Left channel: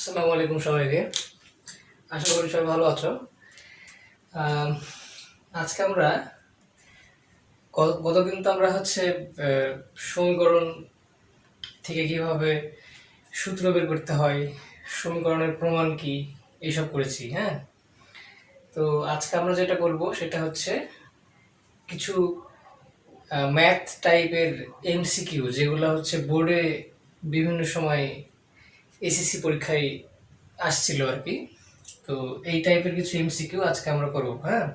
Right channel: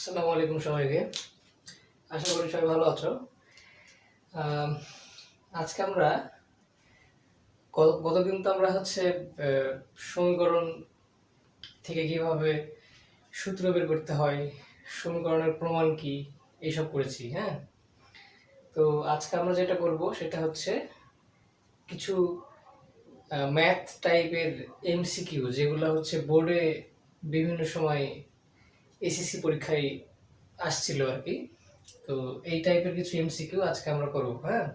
আসসালামু আলাইকুম সবাইকে। আশা করি সবাই ভালো আছো। আম, আজকে আমরা গতদিন তো আমরা সমীকরণ থেকে কিভাবে সূত্র বের করতে হয়, সমীকরণের প্রমাণ কি, এইসব করেছি। হ্যাঁ, তো আজকে আমরা যেটা করব সেটা হচ্ছে কিছু ম্যাথ টাইপের এমসিকিউ, যেগুলো হচ্ছে বোর্ডে বিভিন্ন সময় এসএসসি পরীক্ষায় আসছিল আর কি। তো এই টাইপের কিছু এমসিকিউ আজকে আমরা করব। হ্যাঁ,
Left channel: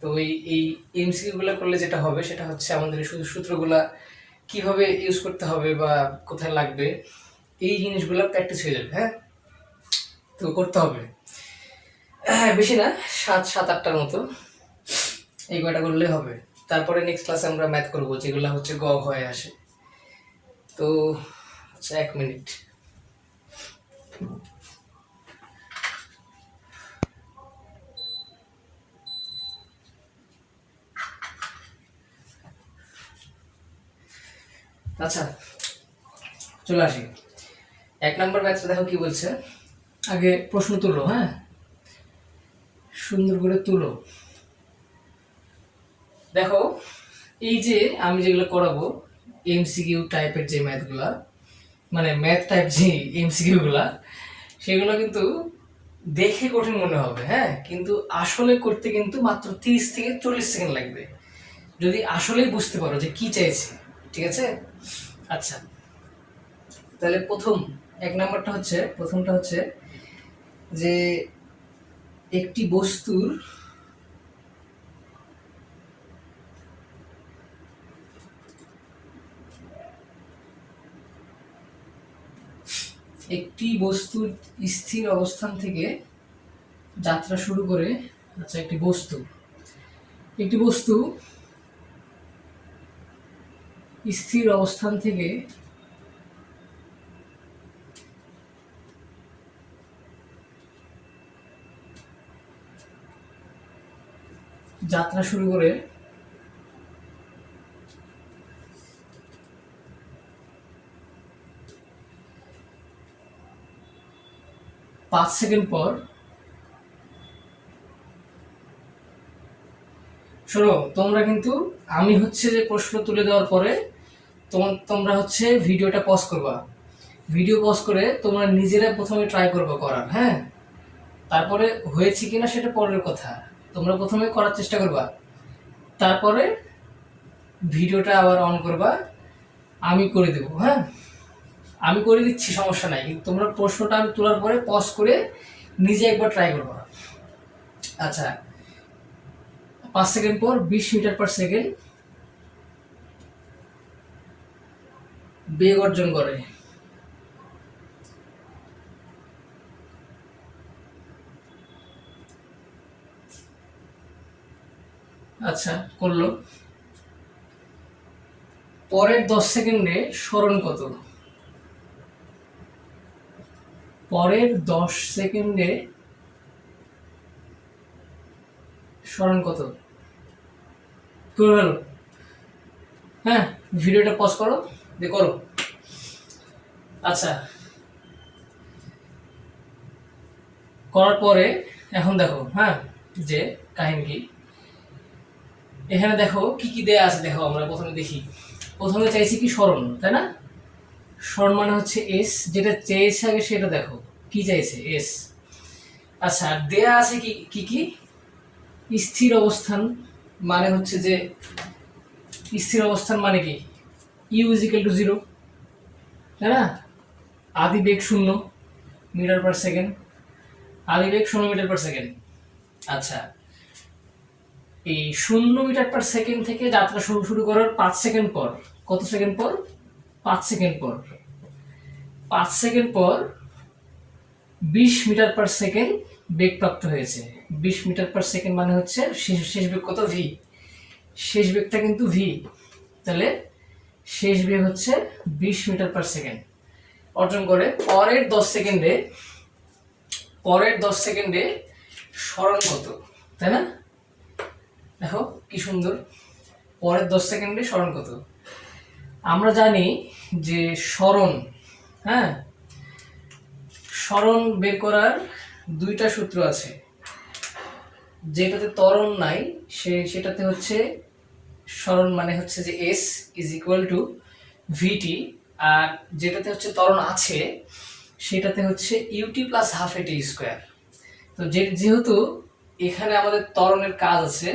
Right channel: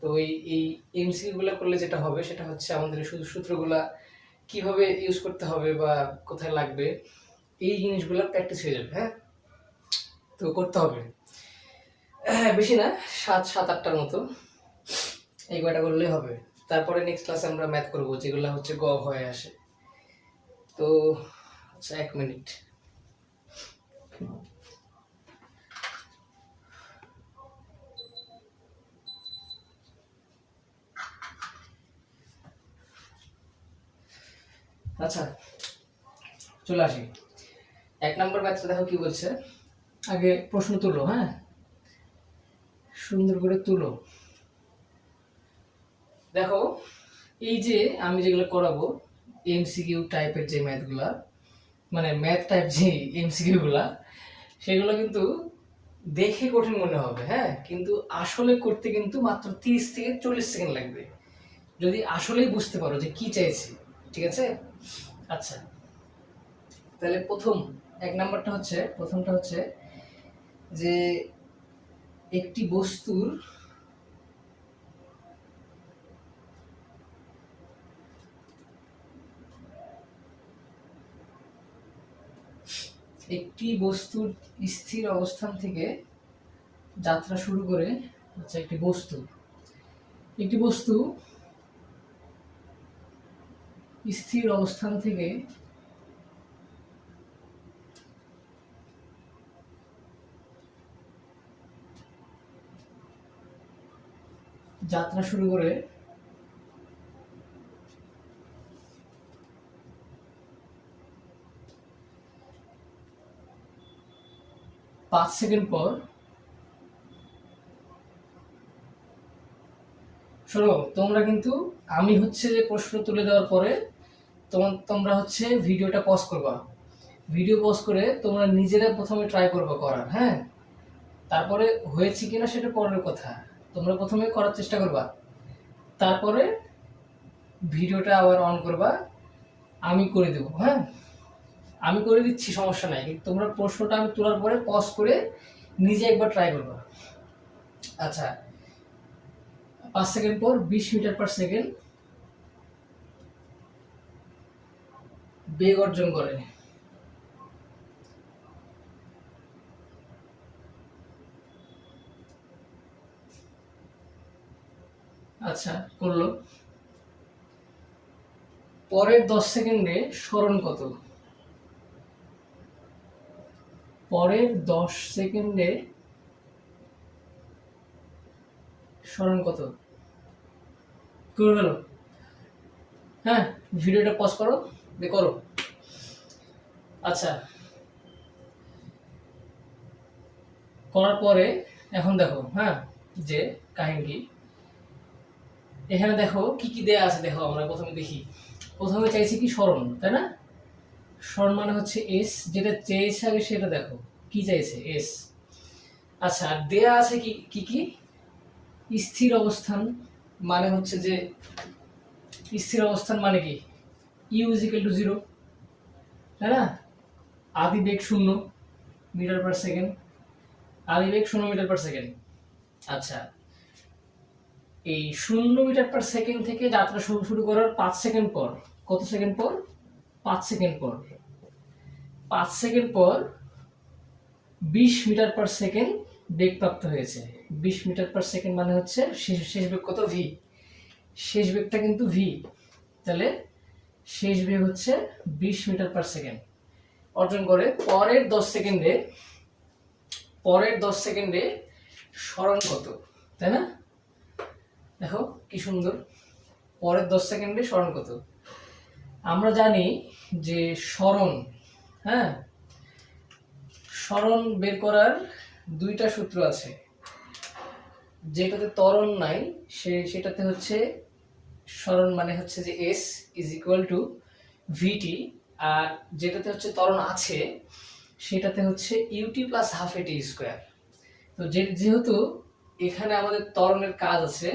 তো এই এমসিকিউ গুলো করলে যেটা হবে সেটা হচ্ছে আমাদের শুধু সূত্রগুলা কিভাবে ইউজ করতে হবে বা কোথায় লাগবে এই জিনিসগুলো প্র্যাকটিস হয়ে যাবে। হ্যাঁ, তো করতে হবে বেশি না, সাত সাত আটটার মতো এই কয়টা করলে হবে। তারপরে নেক্সট ক্লাসে আমরা ম্যাথ করবো, যেগুলো হচ্ছে গ হয়ে আসে। তো আচ্ছা, 1 মিনিট। আচ্ছা, চলে আসি। 1 নম্বর ম্যাথটা দেখো কি বলছে। আগে প্রশ্ন তুলো। হ্যাঁ, সুন্দর করে তুলো। দেখো, এই যে আমি যেগুলো করাবো এমসিকিউ টাইপের যে ম্যাথগুলা, মানে ম্যাথ টাইপ যে এমসিকিউ গুলা, সেগুলো কিন্তু দেখে কঠিন মনে হবে। হ্যাঁ, কিন্তু আসলে করতে কিন্তু মাত্র 30 থেকে 40 সেকেন্ড লাগবে, যদি আসলেই বুঝতে পারো যে কি চাইছি। ঠিক আছে? আচ্ছা, তাহলে প্রথমটা হচ্ছে যে একটি বস্তুর স্থির অবস্থান থেকে যাত্রা শুরু করে। আচ্ছা, একটি বস্তু স্থির অবস্থান থেকে যাত্রা শুরু করে পাঁচ সেকেন্ড পর, শোনো তোমরা কিন্তু, আমি হচ্ছে যে প্রশ্ন তুলে দেওয়ার পরে তোমরা হচ্ছে ভিডিওটা পজ করবা। ভিডিও পজ করে তোমরা নিজেরা প্রথমে ট্রাই করবা করার। হ্যাঁ, তারপরে হয়েছে কিনা সেটা পরের কথা। তোমরা প্রথমে করার চেষ্টা করবা, তারপরে ভিডিওটা আবার অন করবা, আমি করে দেবো। হ্যাঁ, আমি করে দিচ্ছি, সমস্যা নাই, কিন্তু তোমরা প্রশ্নটা আমি তোলার পরে পজ করে নিজে একবার ট্রাই করবা। আচ্ছা, 5 সেকেন্ড পর 20 মিটার/সেকেন্ড বেগ অর্জন করে। আচ্ছা, করলো। পরের 10 সেকেন্ডে সরণ কত? পরের 10 সেকেন্ডে সরণ কত? করে গেল। হ্যাঁ, ভিডিওটা পজ করো, দিয়ে করো। আচ্ছা, করার পরে এখন দেখো। হ্যাঁ, যে কাহিনী কি, এখানে দেখো কি কি দেয়া আছে। দেখো, আমরা প্রথমে দেখি। প্রথমে চাইছি কি সরণ, তাই না? সরণ মানে হচ্ছে এস, যেটা চেয়েছে আগে সেটা দেখো কি চাইছে, এস। আচ্ছা, আর দেয়া আছে কি কি কি স্থির অবস্থান, মানে হচ্ছে যে স্থির অবস্থান মানে কি, u = 0, তাই না? আদি বেগ 0 মিটার/সেকেন্ড, আদি বেগ 0 মিটার/সেকেন্ড। আচ্ছা, এই 0 মিটার/সেকেন্ড থেকে যাত্রা শুরু শুরু করার 5 সেকেন্ড পর, কত সেকেন্ড পর? 5 সেকেন্ড পর। 5 সেকেন্ড পর 20 মিটার/সেকেন্ড বেগ প্রাপ্ত হয়েছে। 20 মিটার/সেকেন্ড মানে হচ্ছে শেষ বেগ কত? ভি। শেষ বেগটা কিন্তু ভি। তাহলে শেষ বেগ হচ্ছে 20 মিটার/সেকেন্ড অর্জন করে। পরের 10 সেকেন্ডে সরণ কত, তাই না? দেখো কি সুন্দর, পরের 10 সেকেন্ডে সরণ কত। আমরা জানি যে সরণ, হ্যাঁ, সরণ বের করার দুইটা সূত্র আছে। যেটাতে ত্বরণ নাই সেটাতে হচ্ছে সরণ মানে হচ্ছে যে এস ইজ ইকুয়াল টু ভিটি, আর যেটাতে হচ্ছে ত্বরণ আছে সেটাতে হচ্ছে ইউটি প্লাস হাফ এটি স্কোয়ার। তো যেহেতু এখানে আমাদের ত্বরণের কাজ আছে,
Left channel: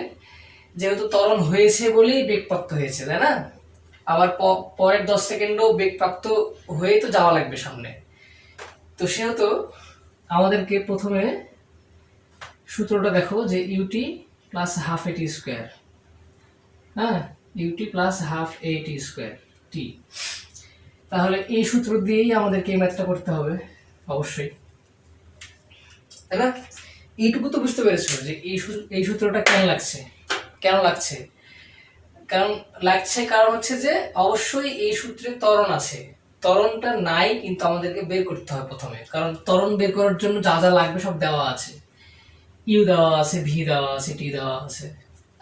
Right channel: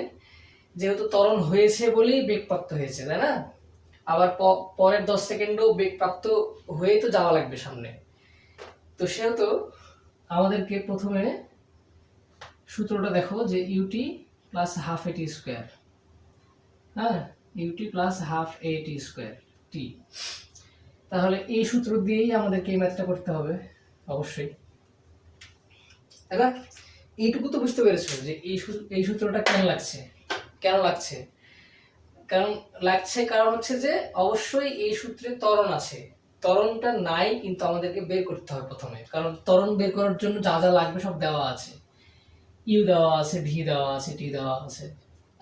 যেহেতু ত্বরণ হয়েছে বলেই বেগপ্রাপ্ত হয়েছে, তাই না? আবার পরের 10 সেকেন্ডও বেগপ্রাপ্ত হয়ে তো যাওয়া লাগবে সামনে। তো সেহেতু আমাদেরকে প্রথমে সূত্রটা দেখো যে ইউটি প্লাস হাফ এটি স্কোয়ার, হ্যাঁ, ইউটি প্লাস হাফ এটি স্কোয়ার টি। তাহলে এই সূত্র দিয়েই আমাদেরকে এই ম্যাথটা করতে হবে অবশ্যই, তাই না? এইটুকু তো বুঝতে পেরেছো যে এই সূত্রটা কেন লাগছে। কারণ হচ্ছে যে অবশ্যই এই সূত্রে ত্বরণ আছে, ত্বরণটা নাই কিন্তু আমাদেরকে বের করতে হবে প্রথমে, কারণ ত্বরণ বের করার জন্য যা যা লাগবে সব দেওয়া আছে, ইউ দেওয়া আছে, ভি দেওয়া আছে, টি দেওয়া আছে।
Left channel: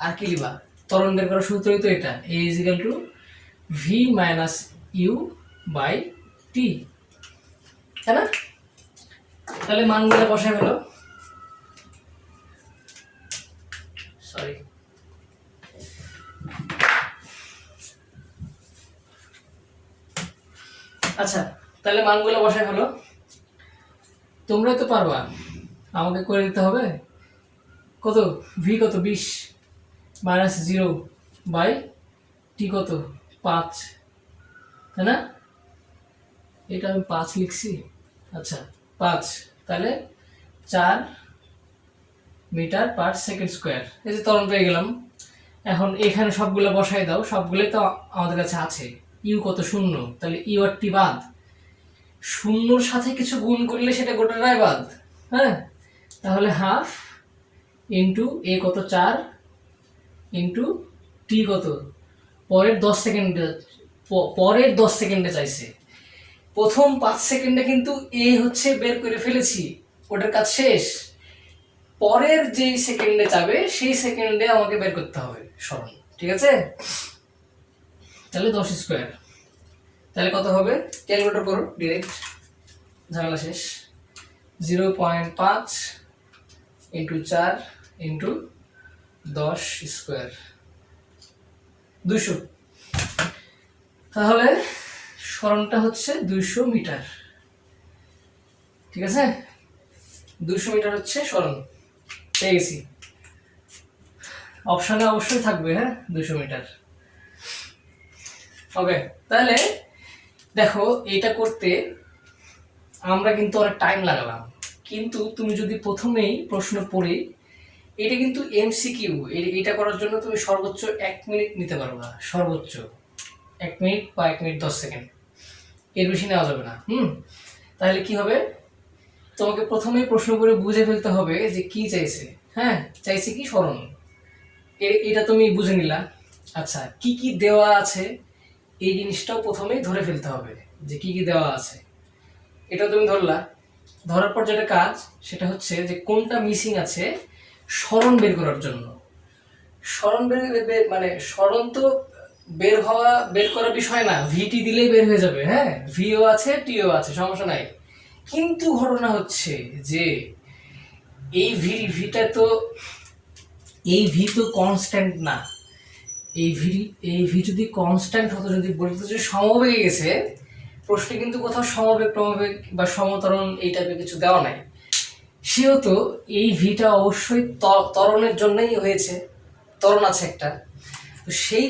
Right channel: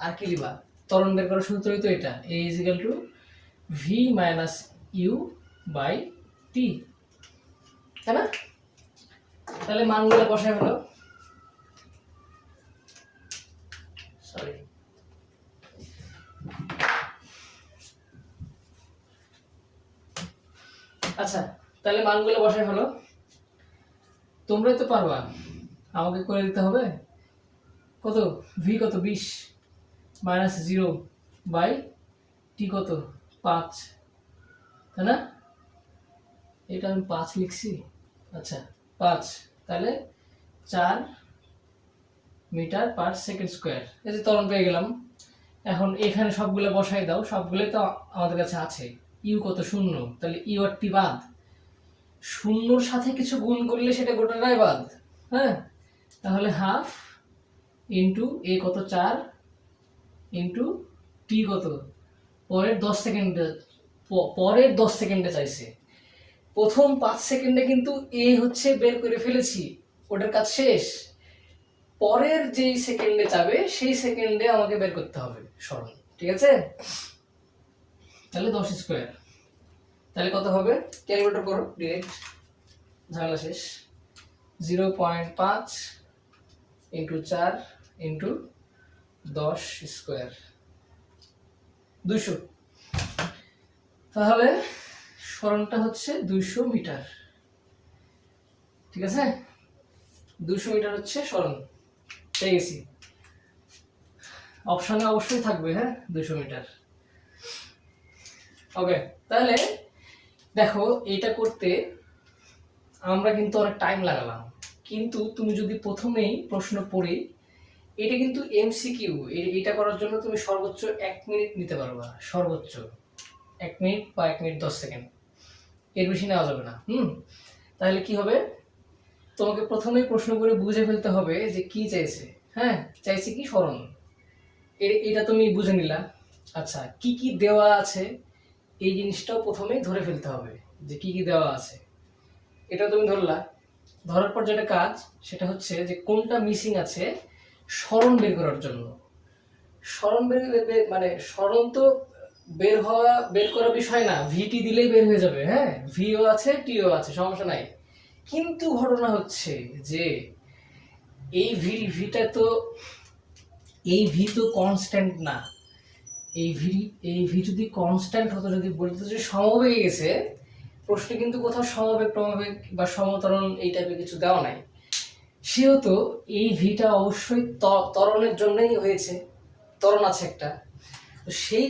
আর কি লিবা? ত্বরণ বের করার সূত্রই তো এটা, a is equal to v minus u by t, তাই না? তাহলে মানগুলো বসাই হলো, সরি, আচ্ছা তাহলে মানগুলো বসাই হলো। তোমরা তো পারবা, আমাকে করে দিতে হবে। কত? ভি কত? 20 মাইনাস 0 বাই টি কত? 5, তাই না? এটা আমি 5 লিখছি, আচ্ছা 5, তাহলে 4 মিটার পার সেকেন্ড স্কোয়ার। এই যে ত্বরণ পেয়ে গেলাম। এখন এখানে সবগুলো বসাই দাও, সবগুলোই তো আমাদের কাছে আছে। ইউ কত? 0, তাহলে ইউ আর টি বাদ। শূন্যর সাথে কিছু গুণ করলে সেটা গোটাটাই বাদ, হ্যাঁ? তাহলে হাফ ইন্টু এ কত? 4 ইন্টু টি কত? পরের 10 সেকেন্ডে চাইছে। প্রথম 5 সেকেন্ডে কিন্তু এ হচ্ছে বের করে ফেলেছি, ওটার কাজ শেষ। পরের যেই সেকেন্ডে যাবে সেই সেকেন্ডে আমাকে বের করতে হবে সরণ, ঠিক আছে? তাহলে 10 স্কোয়ার, তাহলে কত হবে? ক্যালকুলেটর করো ডিরেক্ট, ঝামেলা শেষ। 0.5 ইন্টু 4 ইন্টু 10 স্কোয়ার, 200। তাহলে সরণটা হচ্ছে 200 মিটার, ঠিক আছে? 200 মিটার হচ্ছে সরণ, পেয়ে গেছি। অপশনে অবশ্যই থাকবে, হ্যাঁ, 200 মিটার। ওকে, তাহলে দেখো এটা করতে আমরা কিন্তু অনেক টাইম লাগালাম, কিন্তু তুমি যদি প্রথমেই প্রশ্ন পড়ে, এটা কিন্তু এমসিকিউ, এটা করার জন্য তুমি সর্বোচ্চ 1 মিনিট নিতে পারবা, সর্বোচ্চ 1 মিনিট বা 1 মিনিট 10 সেকেন্ড, এর বেশি নেওয়া যাবে না। তাহলে কি হবে? তোমাকে প্রথমেই প্রশ্ন করে বুঝে ফেলতে হবে যে কি চাইছে, হ্যাঁ, চাইছে কি? সরণ। এটা তুমি বুঝে নিলা। আচ্ছা, কি কি দেওয়া আছে এই জিনিসটাও প্রথমেই ধরে ফেলতে হবে, যে কি কি দেওয়া আছে এটা তুমি ধরলা। ধরার পর যেটা কাজ সেটা হচ্ছে যে কোনটা মিসিং আছে সরণ বের করার জন্য। সরণ মানে সরণ তো বের করার বিষয় না, ভিটি দিলেই বের হয়ে যাবে, হ্যাঁ, ভিও আছে, টিও আছে, সমস্যা নাই। কিন্তু ঘটনা হচ্ছে যে এই ভি তো কনস্ট্যান্ট না। এই ভি যদি কনস্ট্যান্ট হতো, যদি বলতো যে সমবেগে গেছে, প্রশ্নে কিন্তু কোথাও সমবেগ টমবেগ বা সমতরণ এই টাইপের কিছু দেওয়া নাই। সেহেতু এই ভিটা অবশ্যই ত্বরণের জন্যই হয়েছে, ত্বরণ আছে একটা। তো সেই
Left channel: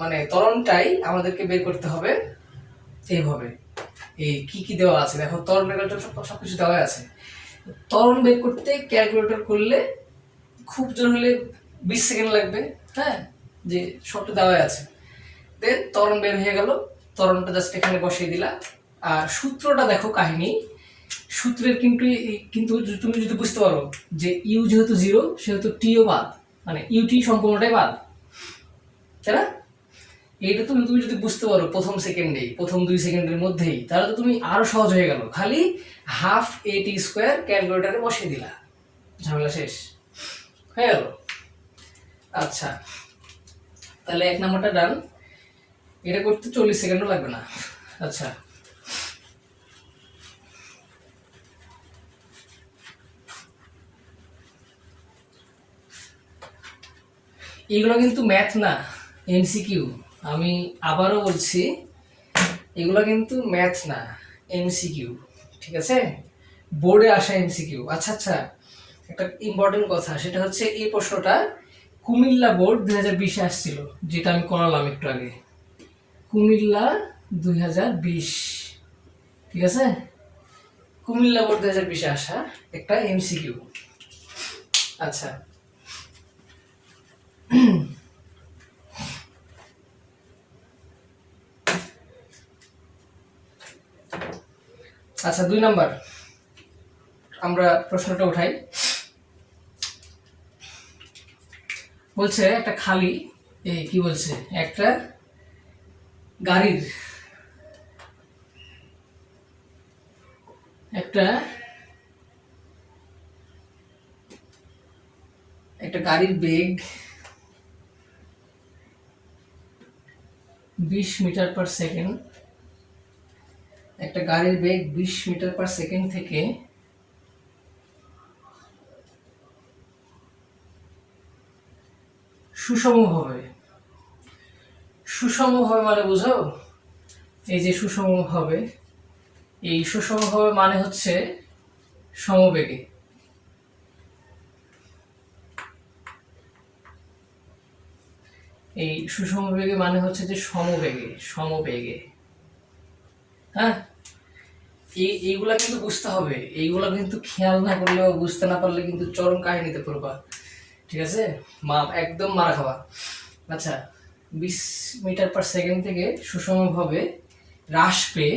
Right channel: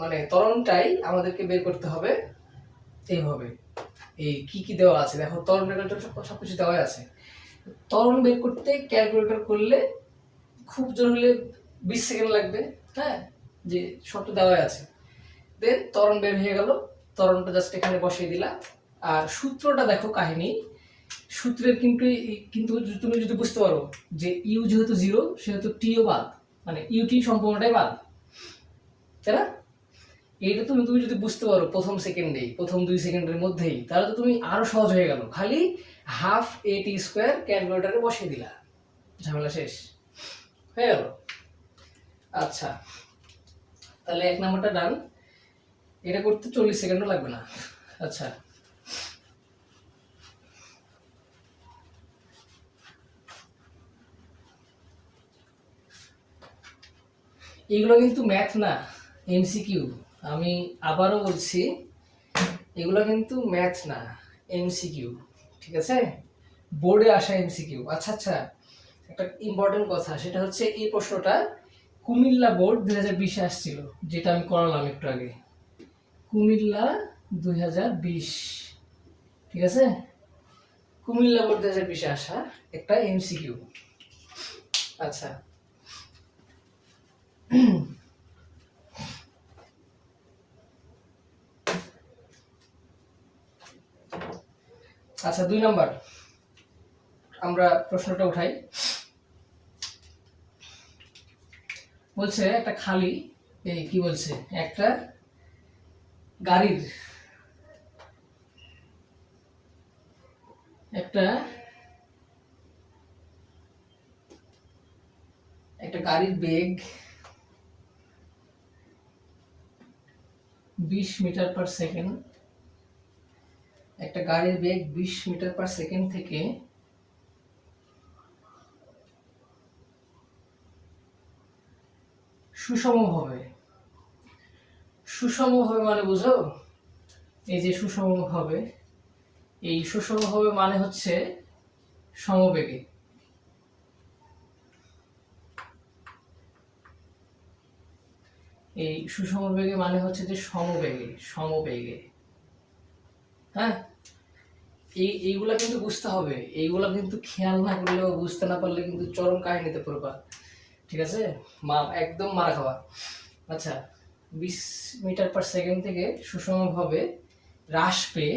মানে ত্বরণটাই আমাদেরকে বের করতে হবে এইভাবে। এই কি কি দেওয়া আছে দেখো, ত্বরণ বের করার জন্য সবকিছু দেওয়া আছে। ত্বরণ বের করতে ক্যালকুলেটর করলে খুব জোর হলে 20 সেকেন্ড লাগবে, হ্যাঁ, যে সবটা দেওয়া আছে। দেন ত্বরণ বের হয়ে গেল, ত্বরণটা জাস্ট এখানে বসিয়ে দিলা। আর সূত্রটা দেখো, কাহিনী সূত্রের কিন্তু তুমি যদি বুঝতে পারো যে ইউ যেহেতু 0 সেহেতু টিও বাদ, মানে ইউটি সম্পূর্ণটাই বাদ, তাই না? এটা তুমি যদি বুঝতে পারো প্রথম 2 সেকেন্ডের মধ্যেই, তাহলে তো তুমি আরো সহজ হয়ে গেল। খালি হাফ এ টি স্কোয়ার ক্যালকুলেটারে বসিয়ে দিলা, ঝামেলা শেষ হয়ে গেল। আচ্ছা, তাহলে 1 নম্বরটা ডান। এটা করতে 40 সেকেন্ডও লাগবে না। আচ্ছা, এগুলো কিন্তু ম্যাথ না, এমসিকিউ। আমি আবারও বলছি, এগুলো কিন্তু ম্যাথ না, এমসিকিউ। ঠিক আছে, বোর্ডে আসা এমসিকিউ। আচ্ছা আচ্ছা, একটা ইম্পর্টেন্ট কথা, সেটা হচ্ছে এই প্রশ্নটা কুমিল্লা বোর্ড 2020-এ আসছিল, যেটা আমি করালাম একটু আগে। কুমিল্লা 2020, ঠিক আছে, কুমিল্লা বোর্ড 2020-এ আসা একটা এমসিকিউ। আচ্ছা, আচ্ছা 2 নাম্বার আমরা প্রশ্নটা উঠাই। বলছে একটা খালি, এই কি বলছে, একটা গাড়ির একটা একটা গাড়ির বেগ 20 মিটার পার সেকেন্ড, একটা গাড়ির বেগ 20 মিটার পার সেকেন্ড থেকে সুষমভাবে, সুষমভাবে মানে বুঝো, এই যে সুষমভাবে, এই সুষমভাবে মানে হচ্ছে সমবেগে। এই সুষমবেগে মানে হচ্ছে যে সমবেগে, সমবেগে। হ্যাঁ, এইগুলা কিন্তু বুঝতে হবে, এইগুলা কিন্তু খেয়াল না করলে বা বুঝতে না পারলে কিন্তু চরম কাহিনীতে পড়বা। ঠিক আছে, একদম মারা খাওয়া। আচ্ছা, 20 মিটার পার সেকেন্ড থেকে সুষমভাবে হ্রাস পেয়ে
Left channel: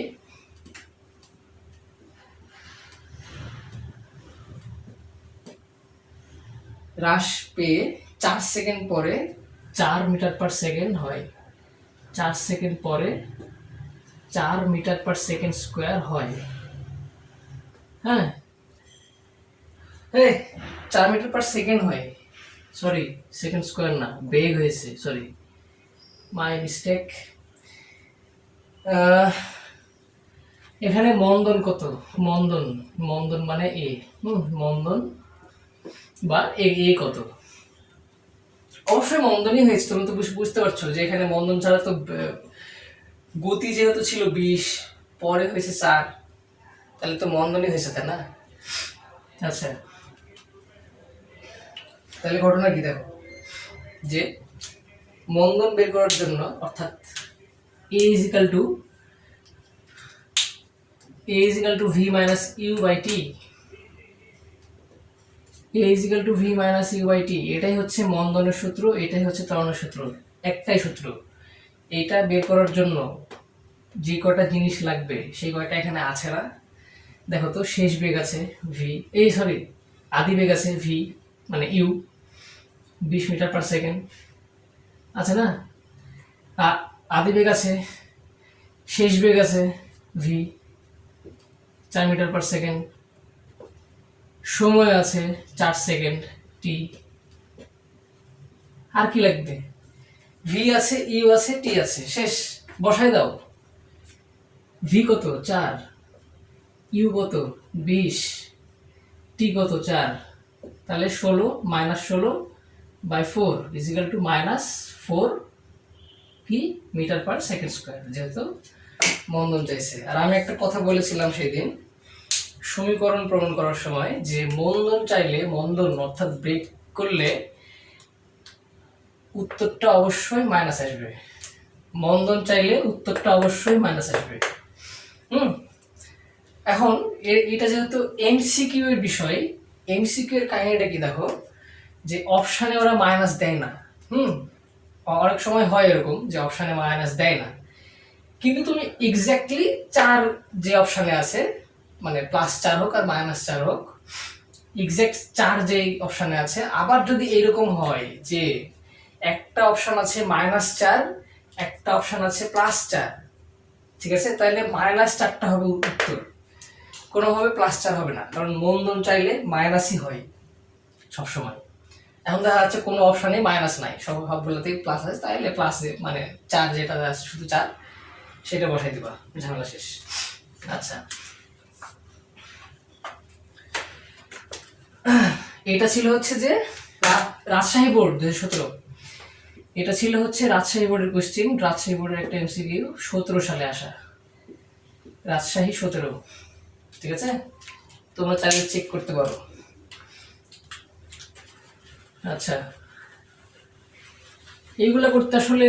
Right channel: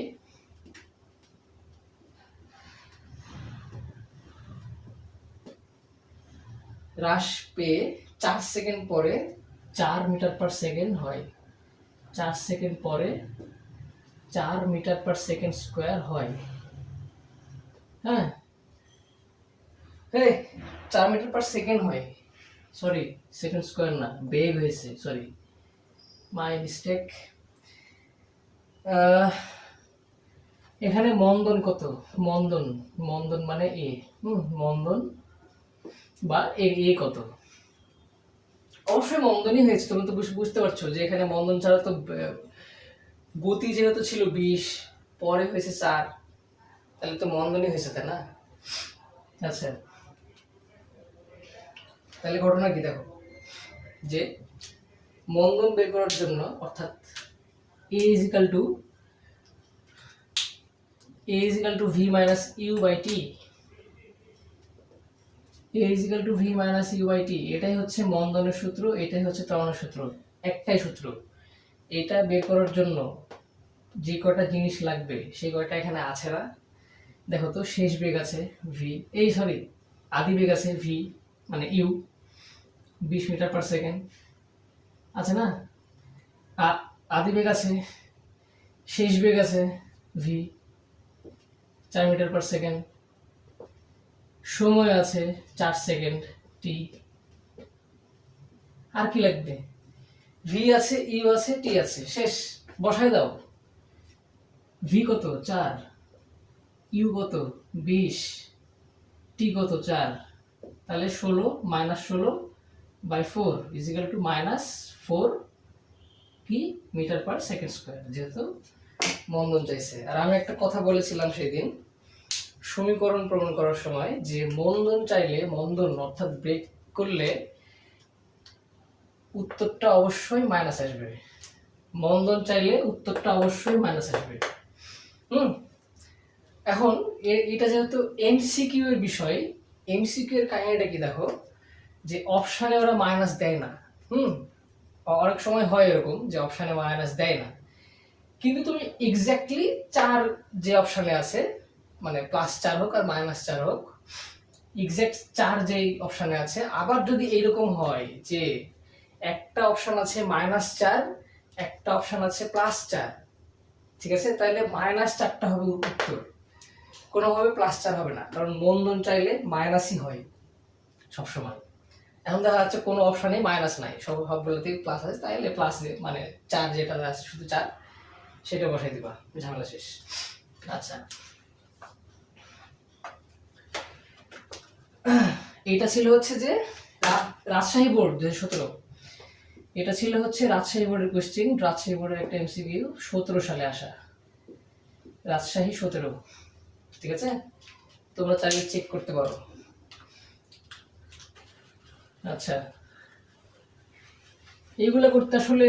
হ্রাস পেয়ে 4 সেকেন্ড পরে 4 মিটার পার সেকেন্ড হয়। 4 সেকেন্ড পরে 4 মিটার পার সেকেন্ড স্কোয়ার হয়। হ্যাঁ, 4 মিটার পার সেকেন্ড হয়, সরি সেকেন্ড স্কোয়ার না, বেগ হয়েছে, সরি মাই মিস্টেক। এখানে মন্দন কত, মন্দন, মন্দন মানে এ, মন্দন বা এ কত, অবশ্যই মন্দনই হয়েছে। তুমি তো বুঝতে পারছো যে এখানে মন্দন ছাড়া তো গতি যেহেতু ছিল 20, পরে হয়েছে 4, তাহলে তো মন্দনই হয়েছে, তাই না? আচ্ছা, তাহলে ঘটনা কি দেখো, যে মন্দন বের করার জন্য, অর্থাৎ a is equal to v minus u by t, a is equal to v minus u by t, এটাই হচ্ছে মন্দনের সূত্র, এটাই হচ্ছে ত্বরণের সূত্র, একটাই সূত্র। এটা বের করার জন্য যে কয়টা জিনিস লাগবে সেই কয়টা এখানে আছে না? দেখো তো, শেষ বেগ আছে v, এই সরি আদি বেগ আছে v মানে u, 20 মিটার পার সেকেন্ড আছে না? আদি বেগ আছে, শেষ বেগ আছে v 4 মিটার পার সেকেন্ড, সময় আছে 4 সেকেন্ড t, আর কি লাগবে? v আছে, u আছে, t আছে, শেষ, বসাই দাও। v কত 4, u কত 20, t কত 4, তাহলে 16 মাইনাস 16/4 ইজ ইকুয়াল টু -4 কি মিটার পার সেকেন্ড স্কোয়ার, যেহেতু মন্দন চাইছে। আর আমি একটা কথা বলেছিলাম সেদিন সমীকরণ প্রমাণ করার সময়, যে মন্দন চাইলে, মন্দন অর্থাৎ ব্রেক করলে উত্তরটা অবশ্যই মাইনাস আসবে। মন্দন চাইলে উত্তরটা অবশ্যই মাইনাস আসবে। এখন এটা যেহেতু এমসিকিউ এর বিষয়, এমসিকিউ এর কাহিনীটা কি দেখো, যে অপশানে ওরা মাইনাস দেয় না। অনেক সময় হয় এরকম যে অপশানে মাইনাস দেয় না, কিন্তু তুমি এক্স্যাক্টলি 4 যে অপশানে আছে, মানে +4 হোক আর -4 হোক, এক্স্যাক্ট 4 যেই অপশানে আছে, আবার যদি এরকম হয় যে একটা অপশন আছে -4, একটা অপশন আছে +4, ঠিক আছে, তাহলে -4টা হবে উত্তর, কোনোভাবে +4 হবে না, কারণ মন্দন চাইলে মাইনাসই হয় সবসময়। এখন দেখা যাচ্ছে কোনো অপশানে মাইনাস নাই, সবগুলোতেই প্লাস আছে, তাহলে প্লাস মানে 4 যেটা আছে শুধু 4, সেটা বসাই দিবা, ঝামেলা শেষ। আচ্ছা, এটা ছিল হচ্ছে যে রাজশাহী বোর্ড 2017। এটা ছিল হচ্ছে রাজশাহী বোর্ডের কোশ্চেন, রাজশাহী বোর্ডের একটা এমসিকিউ, 17 সালে আসা, রাজশাহী 17। ঠিক আছে, তোমরা চাইলে চেক করতে পারো। আচ্ছা, এইগুলা করতে আসলে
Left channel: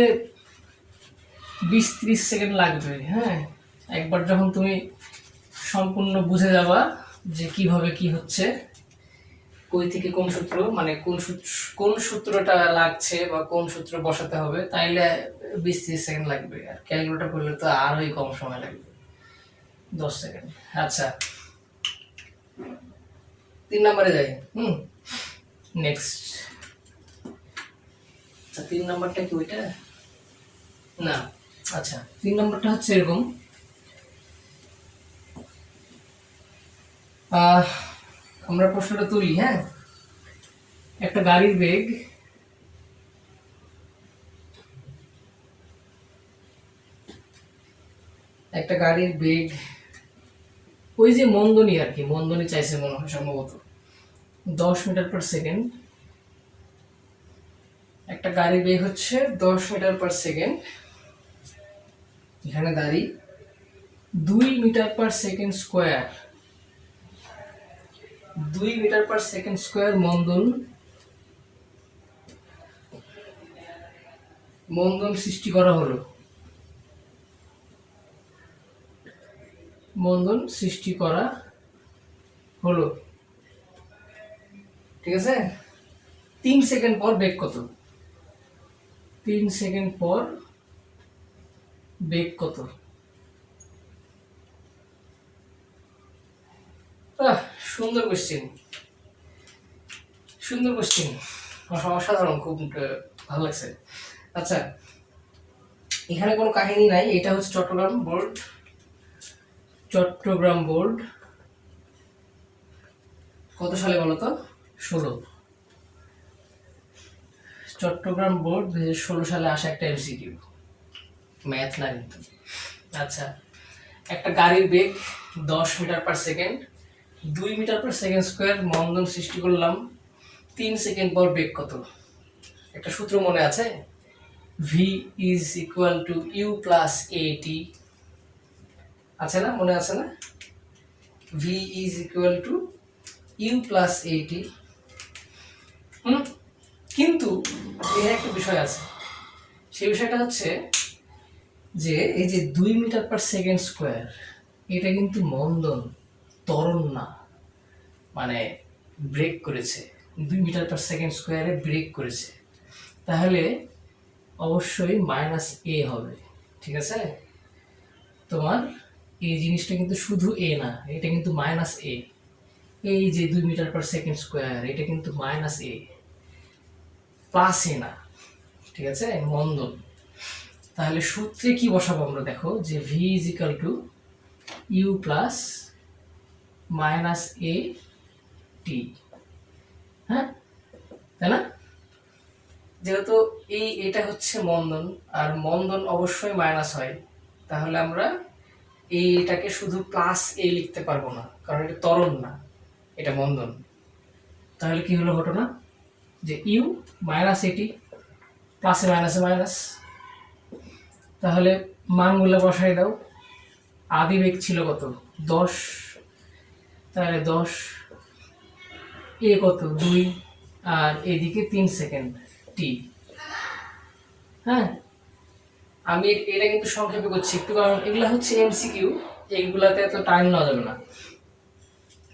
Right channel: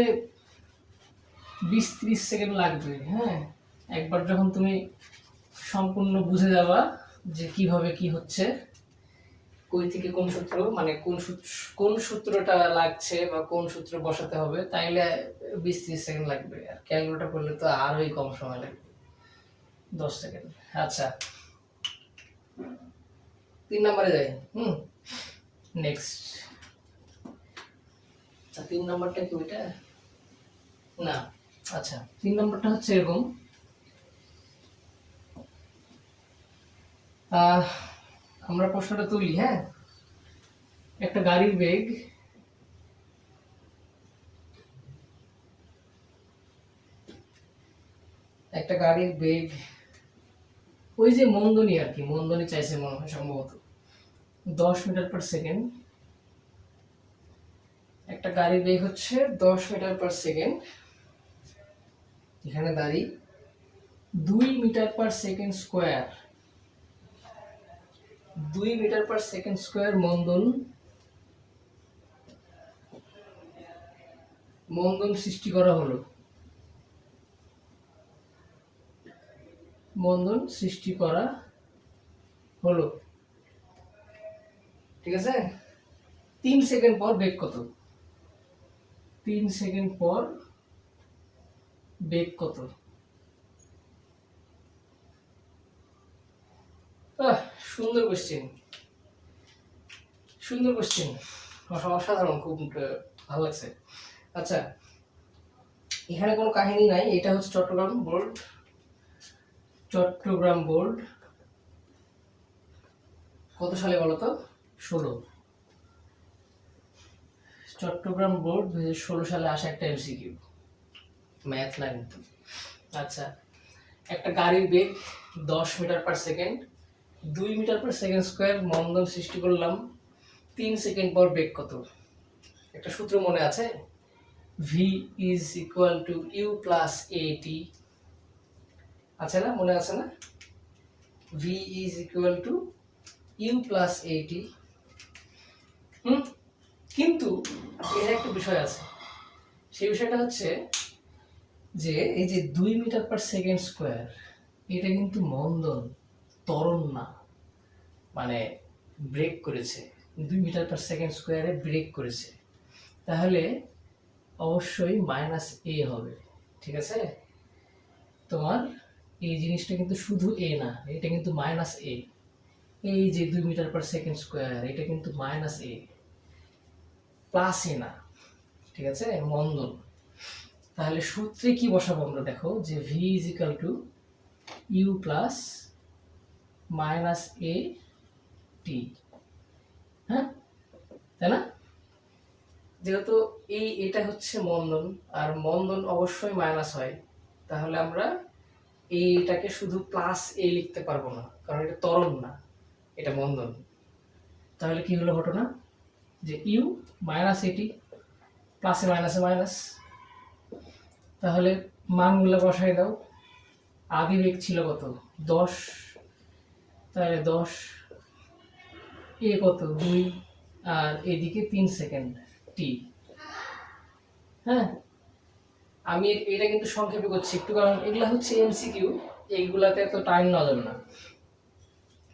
20-30 সেকেন্ড লাগবে। হ্যাঁ, একবার যখন তুমি সম্পূর্ণ বুঝে যাবা যে কিভাবে কি হচ্ছে, কই থেকে কোন সূত্র, মানে কোন সূত্রটা লাগছে বা কোন সূত্র বসাতে হবে, তাইলে 20-30 সেকেন্ড লাগবে। আর ক্যালকুলেটর করলে তো আরোই কম সময় লাগবে, 10 সেকেন্ড। আচ্ছা, 3 নম্বরে যাই। নেক্সট। আচ্ছা, 3 নম্বরটা কি ওইটা না? আচ্ছা, 3 নম্বরটা হচ্ছে এরকম। আমরা প্রশ্নটা তুলি। হ্যাঁ, একটা গাড়ির বেগ ওই যে মন্দনী আর কি, মন্দনী চাইছে মনে হয় সম্ভবত 10 মিটার পার সেকেন্ড। একটা গাড়ির বেগ হচ্ছে 10 মিটার পার সেকেন্ড। এখানে দাঁড়িয়ে 2 metre per second square, 2 metre per second square মন্দন সৃষ্টি করা হলো। ঠিক আছে, 3 সেকেন্ড পর বেগ কত? 3 সেকেন্ড পর বেগ কত? সুন্দর কোশ্চেন, অসাধারণ, খুব ভালো লাগছে। আচ্ছা, এখানে কোনো কাহিনী নাই, এটা হচ্ছে চট্টগ্রাম বোর্ড কত সালে বলো তো? 16। চট্টগ্রাম বোর্ড 2016 সালে আসা একটা এমসিকিউ, ম্যাথ না কিন্তু। আচ্ছা, একটা গাড়ির বেগ 10 metre per second, 2 metre per second square মন্দন সৃষ্টি করলাম, 3 সেকেন্ড পর বেগ কত? একটা সূত্র মনে আছে, v is equal to u plus a t, আছে না? মনে আছে না? V is equal to u plus a t. কিন্তু এর একটা বিষয় আছে, সেই বিষয়টা হচ্ছে যে এই যে 2 মিটার পার সেকেন্ড স্কোয়ার, এটা কিন্তু মন্দন, ত্বরণ না, মানে ব্রেক করেছে, 2 মিটার পার সেকেন্ড স্কোয়ারে ব্রেক করেছে, তাহলে অবশ্যই মাইনাস এ হবে। ঠিক আছে, তোমার এই জিনিসটা কিন্তু শুধু এ না, এটা কিন্তু মাইনাস এ। এই যে 2 মিটার পার সেকেন্ড স্কোয়ার, এটা কিন্তু মাইনাস এ, প্লাস এ না। ঠিক আছে, মন্দন। তাহলে সূত্রে কি বসাবো আমরা? দেখো যে v is equal to u plus minus a t. হ্যাঁ, তাই না? যেহেতু এটা হচ্ছে মন্দন, আর মন্দন অবশ্যই মাইনাস হয়, তাহলে আমরা এটাকে শুধু প্লাস এ লিখতে পারবো না, কারণ এটা ত্বরণ না, এটা মন্দন। তাহলে কি হলো ঘটনা, যে ইউ মাইনাস এটি, প্লাসে মাইনাসে মাইনাস। তাহলে মানগুলো বসাই দাও। আদি বেগ ছিল কত? 10, তাহলে 10, এ কত? 2, আর এদিকে 3 সেকেন্ড টি। হ্যাঁ, আমি এটা কিন্তু সংক্ষেপে করছি একটু, কারণ এগুলা হচ্ছে এমসিকিউ, এইগুলাতে এত টাইম নেওয়া যাবে না।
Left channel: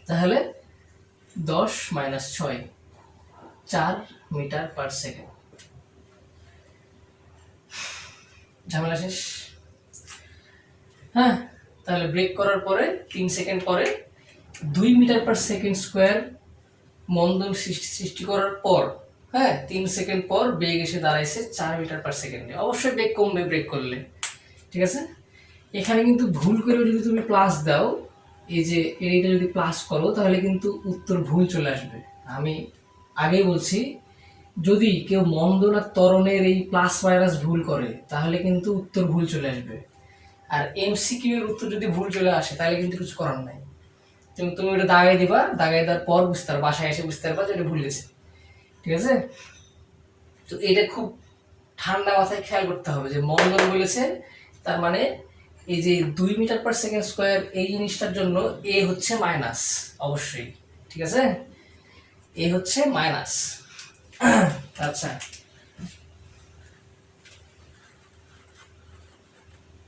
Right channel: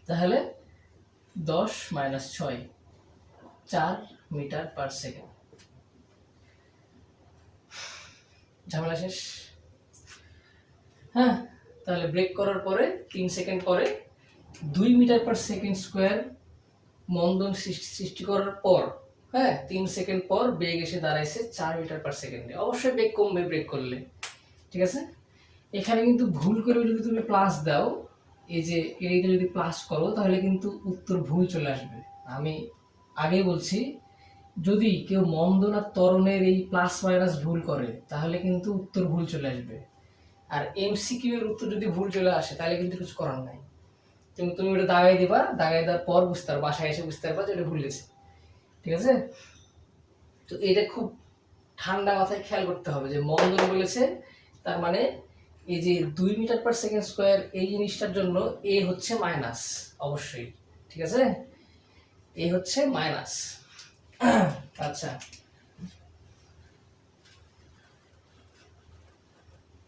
তাহলে 10 মাইনাস 6, 4 মিটার পার সেকেন্ড। ঝামেলা শেষ। হ্যাঁ, তাহলে ব্রেক করার পরে 3 সেকেন্ড পরে 2 মিটার পার সেকেন্ড স্কোয়ার মন্দন সৃষ্টি করার পর, হ্যাঁ, 3 সেকেন্ড পর বেগ এসে দাঁড়াইছে 4 মিটার পার সেকেন্ডে। অবশ্যই বেগ কমবে ব্রেক করলে। ঠিক আছে, এখানে কিন্তু ভুল করেও যদি তুমি প্লাস দাও, এই যে এইটা যদি প্লাস করো, তাহলে কিন্তু উত্তর ভুল চলে আসবে। আমি আগেই বলছি, যদি কেউ মন্দন আর ত্বরণের এই প্লাস মাইনাস ভুল করে, তাহলে কিন্তু উত্তর ভুল চলে আসবে। আর এমসিকিউ এর উত্তর যদি ভুল চলে আসে, তাহলে কিন্তু কিছু করার নাই। তুমি ওটা দাগাই দিবা, দাগাই দেওয়ার পর বুঝতে পারবা, বাসায় এসে বুঝতে পারবা যে এটা ভুল গেছে। ঠিক আছে, তো এটা খুব ঠান্ডা মাথায় খেয়াল করতে হবে যে মন্দন বলেছে, তার মানে এই যে 2 মিটার/সেকেন্ড স্কোয়ার এই জিনিসটার জন্য এ হচ্ছে মাইনাস, অবশ্যই, ঠিক আছে, এ হচ্ছে মাইনাস। আচ্ছা,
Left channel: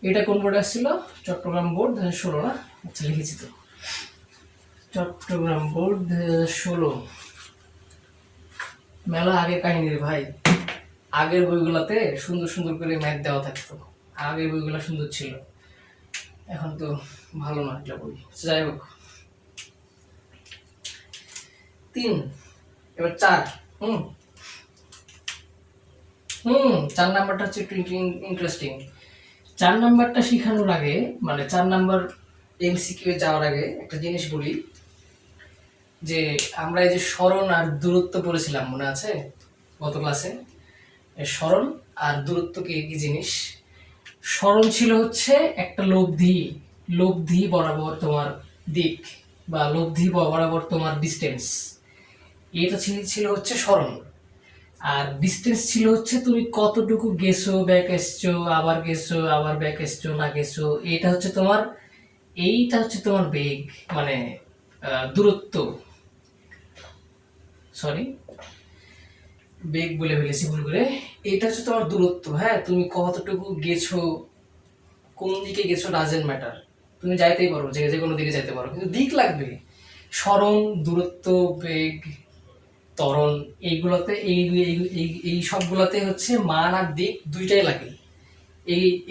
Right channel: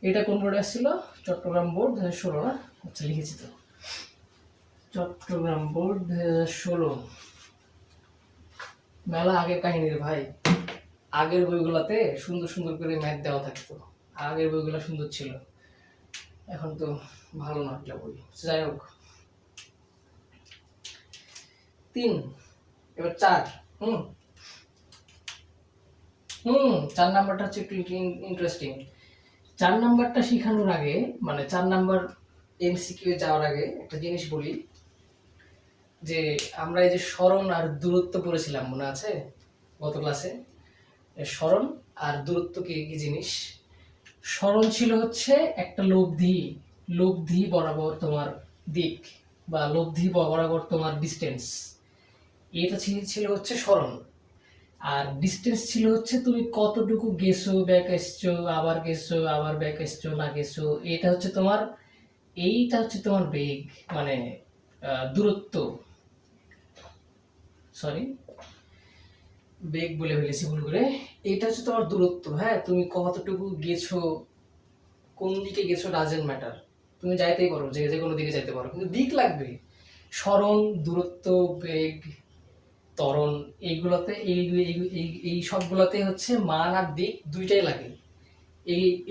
এটা কোন বোর্ডে আসছিল? চট্টগ্রাম বোর্ড 2016 না? আচ্ছা, লিখেছি তো, চট্টগ্রাম বোর্ড 2016। মেলা আগের কাহিনীর ভাই, আগের বইগুলোতে সুন্দর সুন্দর করে ম্যাথ দেওয়া থাকতো, আগের বইগুলো সুন্দর ছিল, এখন তো ভালো না একটা বই। যাই হোক, 3, এবার 4। হুম 4 নাম্বারটা হচ্ছে একটু ইন্টারেস্টিং। 4 নাম্বারটা শেখানোর আগে, মানে 4 নাম্বার এমসিকিউ যাওয়ার আগে একটা জিনিস বলি, যে আমরা এই যে সরণ আর দূরত্ব পড়েছিলাম, মনে আছে গত ক্লাসে? সরণ আর দূরত্ব কি কি জিনিস? সরণ ছিল হচ্ছে একটা লব্ধি বরাবর তোমার দিক, বা লব্ধি বরাবর তোমার ডিস্টেন্স, এটা ছিল হচ্ছে সরণ। আর ডিস্টেন্স ছিল হচ্ছে তুমি কতটুকু গেছো, ব্যাক এসছো, আবার গেছো, আবার ব্যাক এসছো, না গেছো, এইটা হচ্ছে তোমার বেগ, মানে দূরত্ব, সরি বেগ বলে ফেলেছি ভুল করে। এটা হচ্ছে তোমার দূরত্ব। হ্যাঁ, তুমি কতটুকু গেছো, কোন দিকে গেছো ডাজেন্ট ম্যাটার, তুমি যাইতেই পারো, যে কোনো দিকে যাইতে পারো, কিন্তু দিক লাগবে। সরণ, দূরত্ব, বেগ, ত্বরণ, এইগুলোতে এই সবগুলোতে হচ্ছে মান আর দিক দুইটাই লাগে।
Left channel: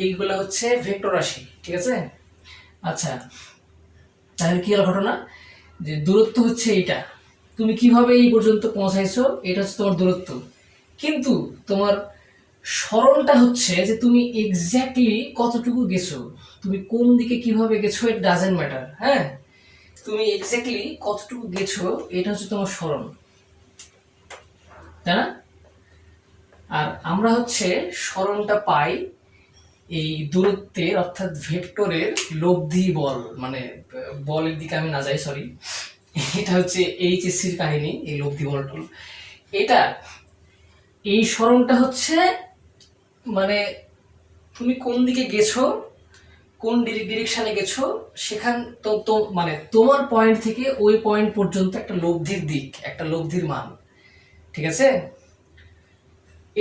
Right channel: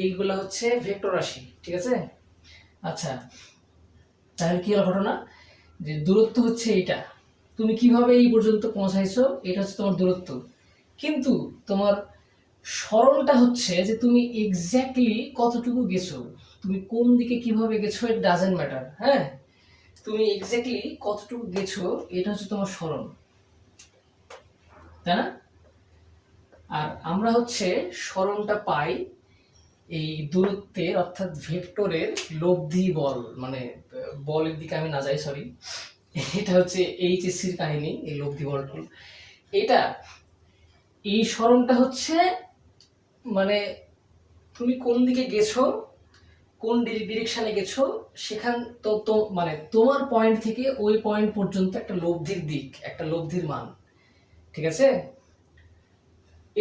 এইগুলো হচ্ছে ভেক্টর রাশি, ঠিক আছে? আচ্ছা, তাহলে কি হলো ঘটনা, যে দূরত্ব হচ্ছে এইটা, তুমি কিভাবে এই পর্যন্ত পৌঁছাইছো, এটা হচ্ছে তোমার দূরত্ব। কিন্তু তোমার সরলটা হচ্ছে যে তুমি এক্স্যাক্টলি কতটুকু গেছো, তুমি কোন দিকে কিভাবে গেছো, ইট ডাজেন্ট ম্যাটার। হ্যাঁ, তুমি এক্স্যাক্টলি কতটুকু গেছো, এটা হচ্ছে তোমার সরল, তাই না? আর আমরা হচ্ছে সরণটা পাই এই দূরত্বের, অর্থাৎ ভেক্টরের লব্ধি বল, মানে বলের দিকে আমি না যাই, সরি, এটা হচ্ছে এইচএসসির কাহিনী, এই লব্ধি বল টল। এটা, এই সরণটা হচ্ছে মানে তুমি কোন দিকে গেছো, কোন ডিরেকশনে গেছো, সেখান তো মানে তোমার পয়েন্ট থেকে ওই পয়েন্ট পর্যন্ত একটা লব্ধির দিক, একটা লব্ধির মান, ঠিক আছে?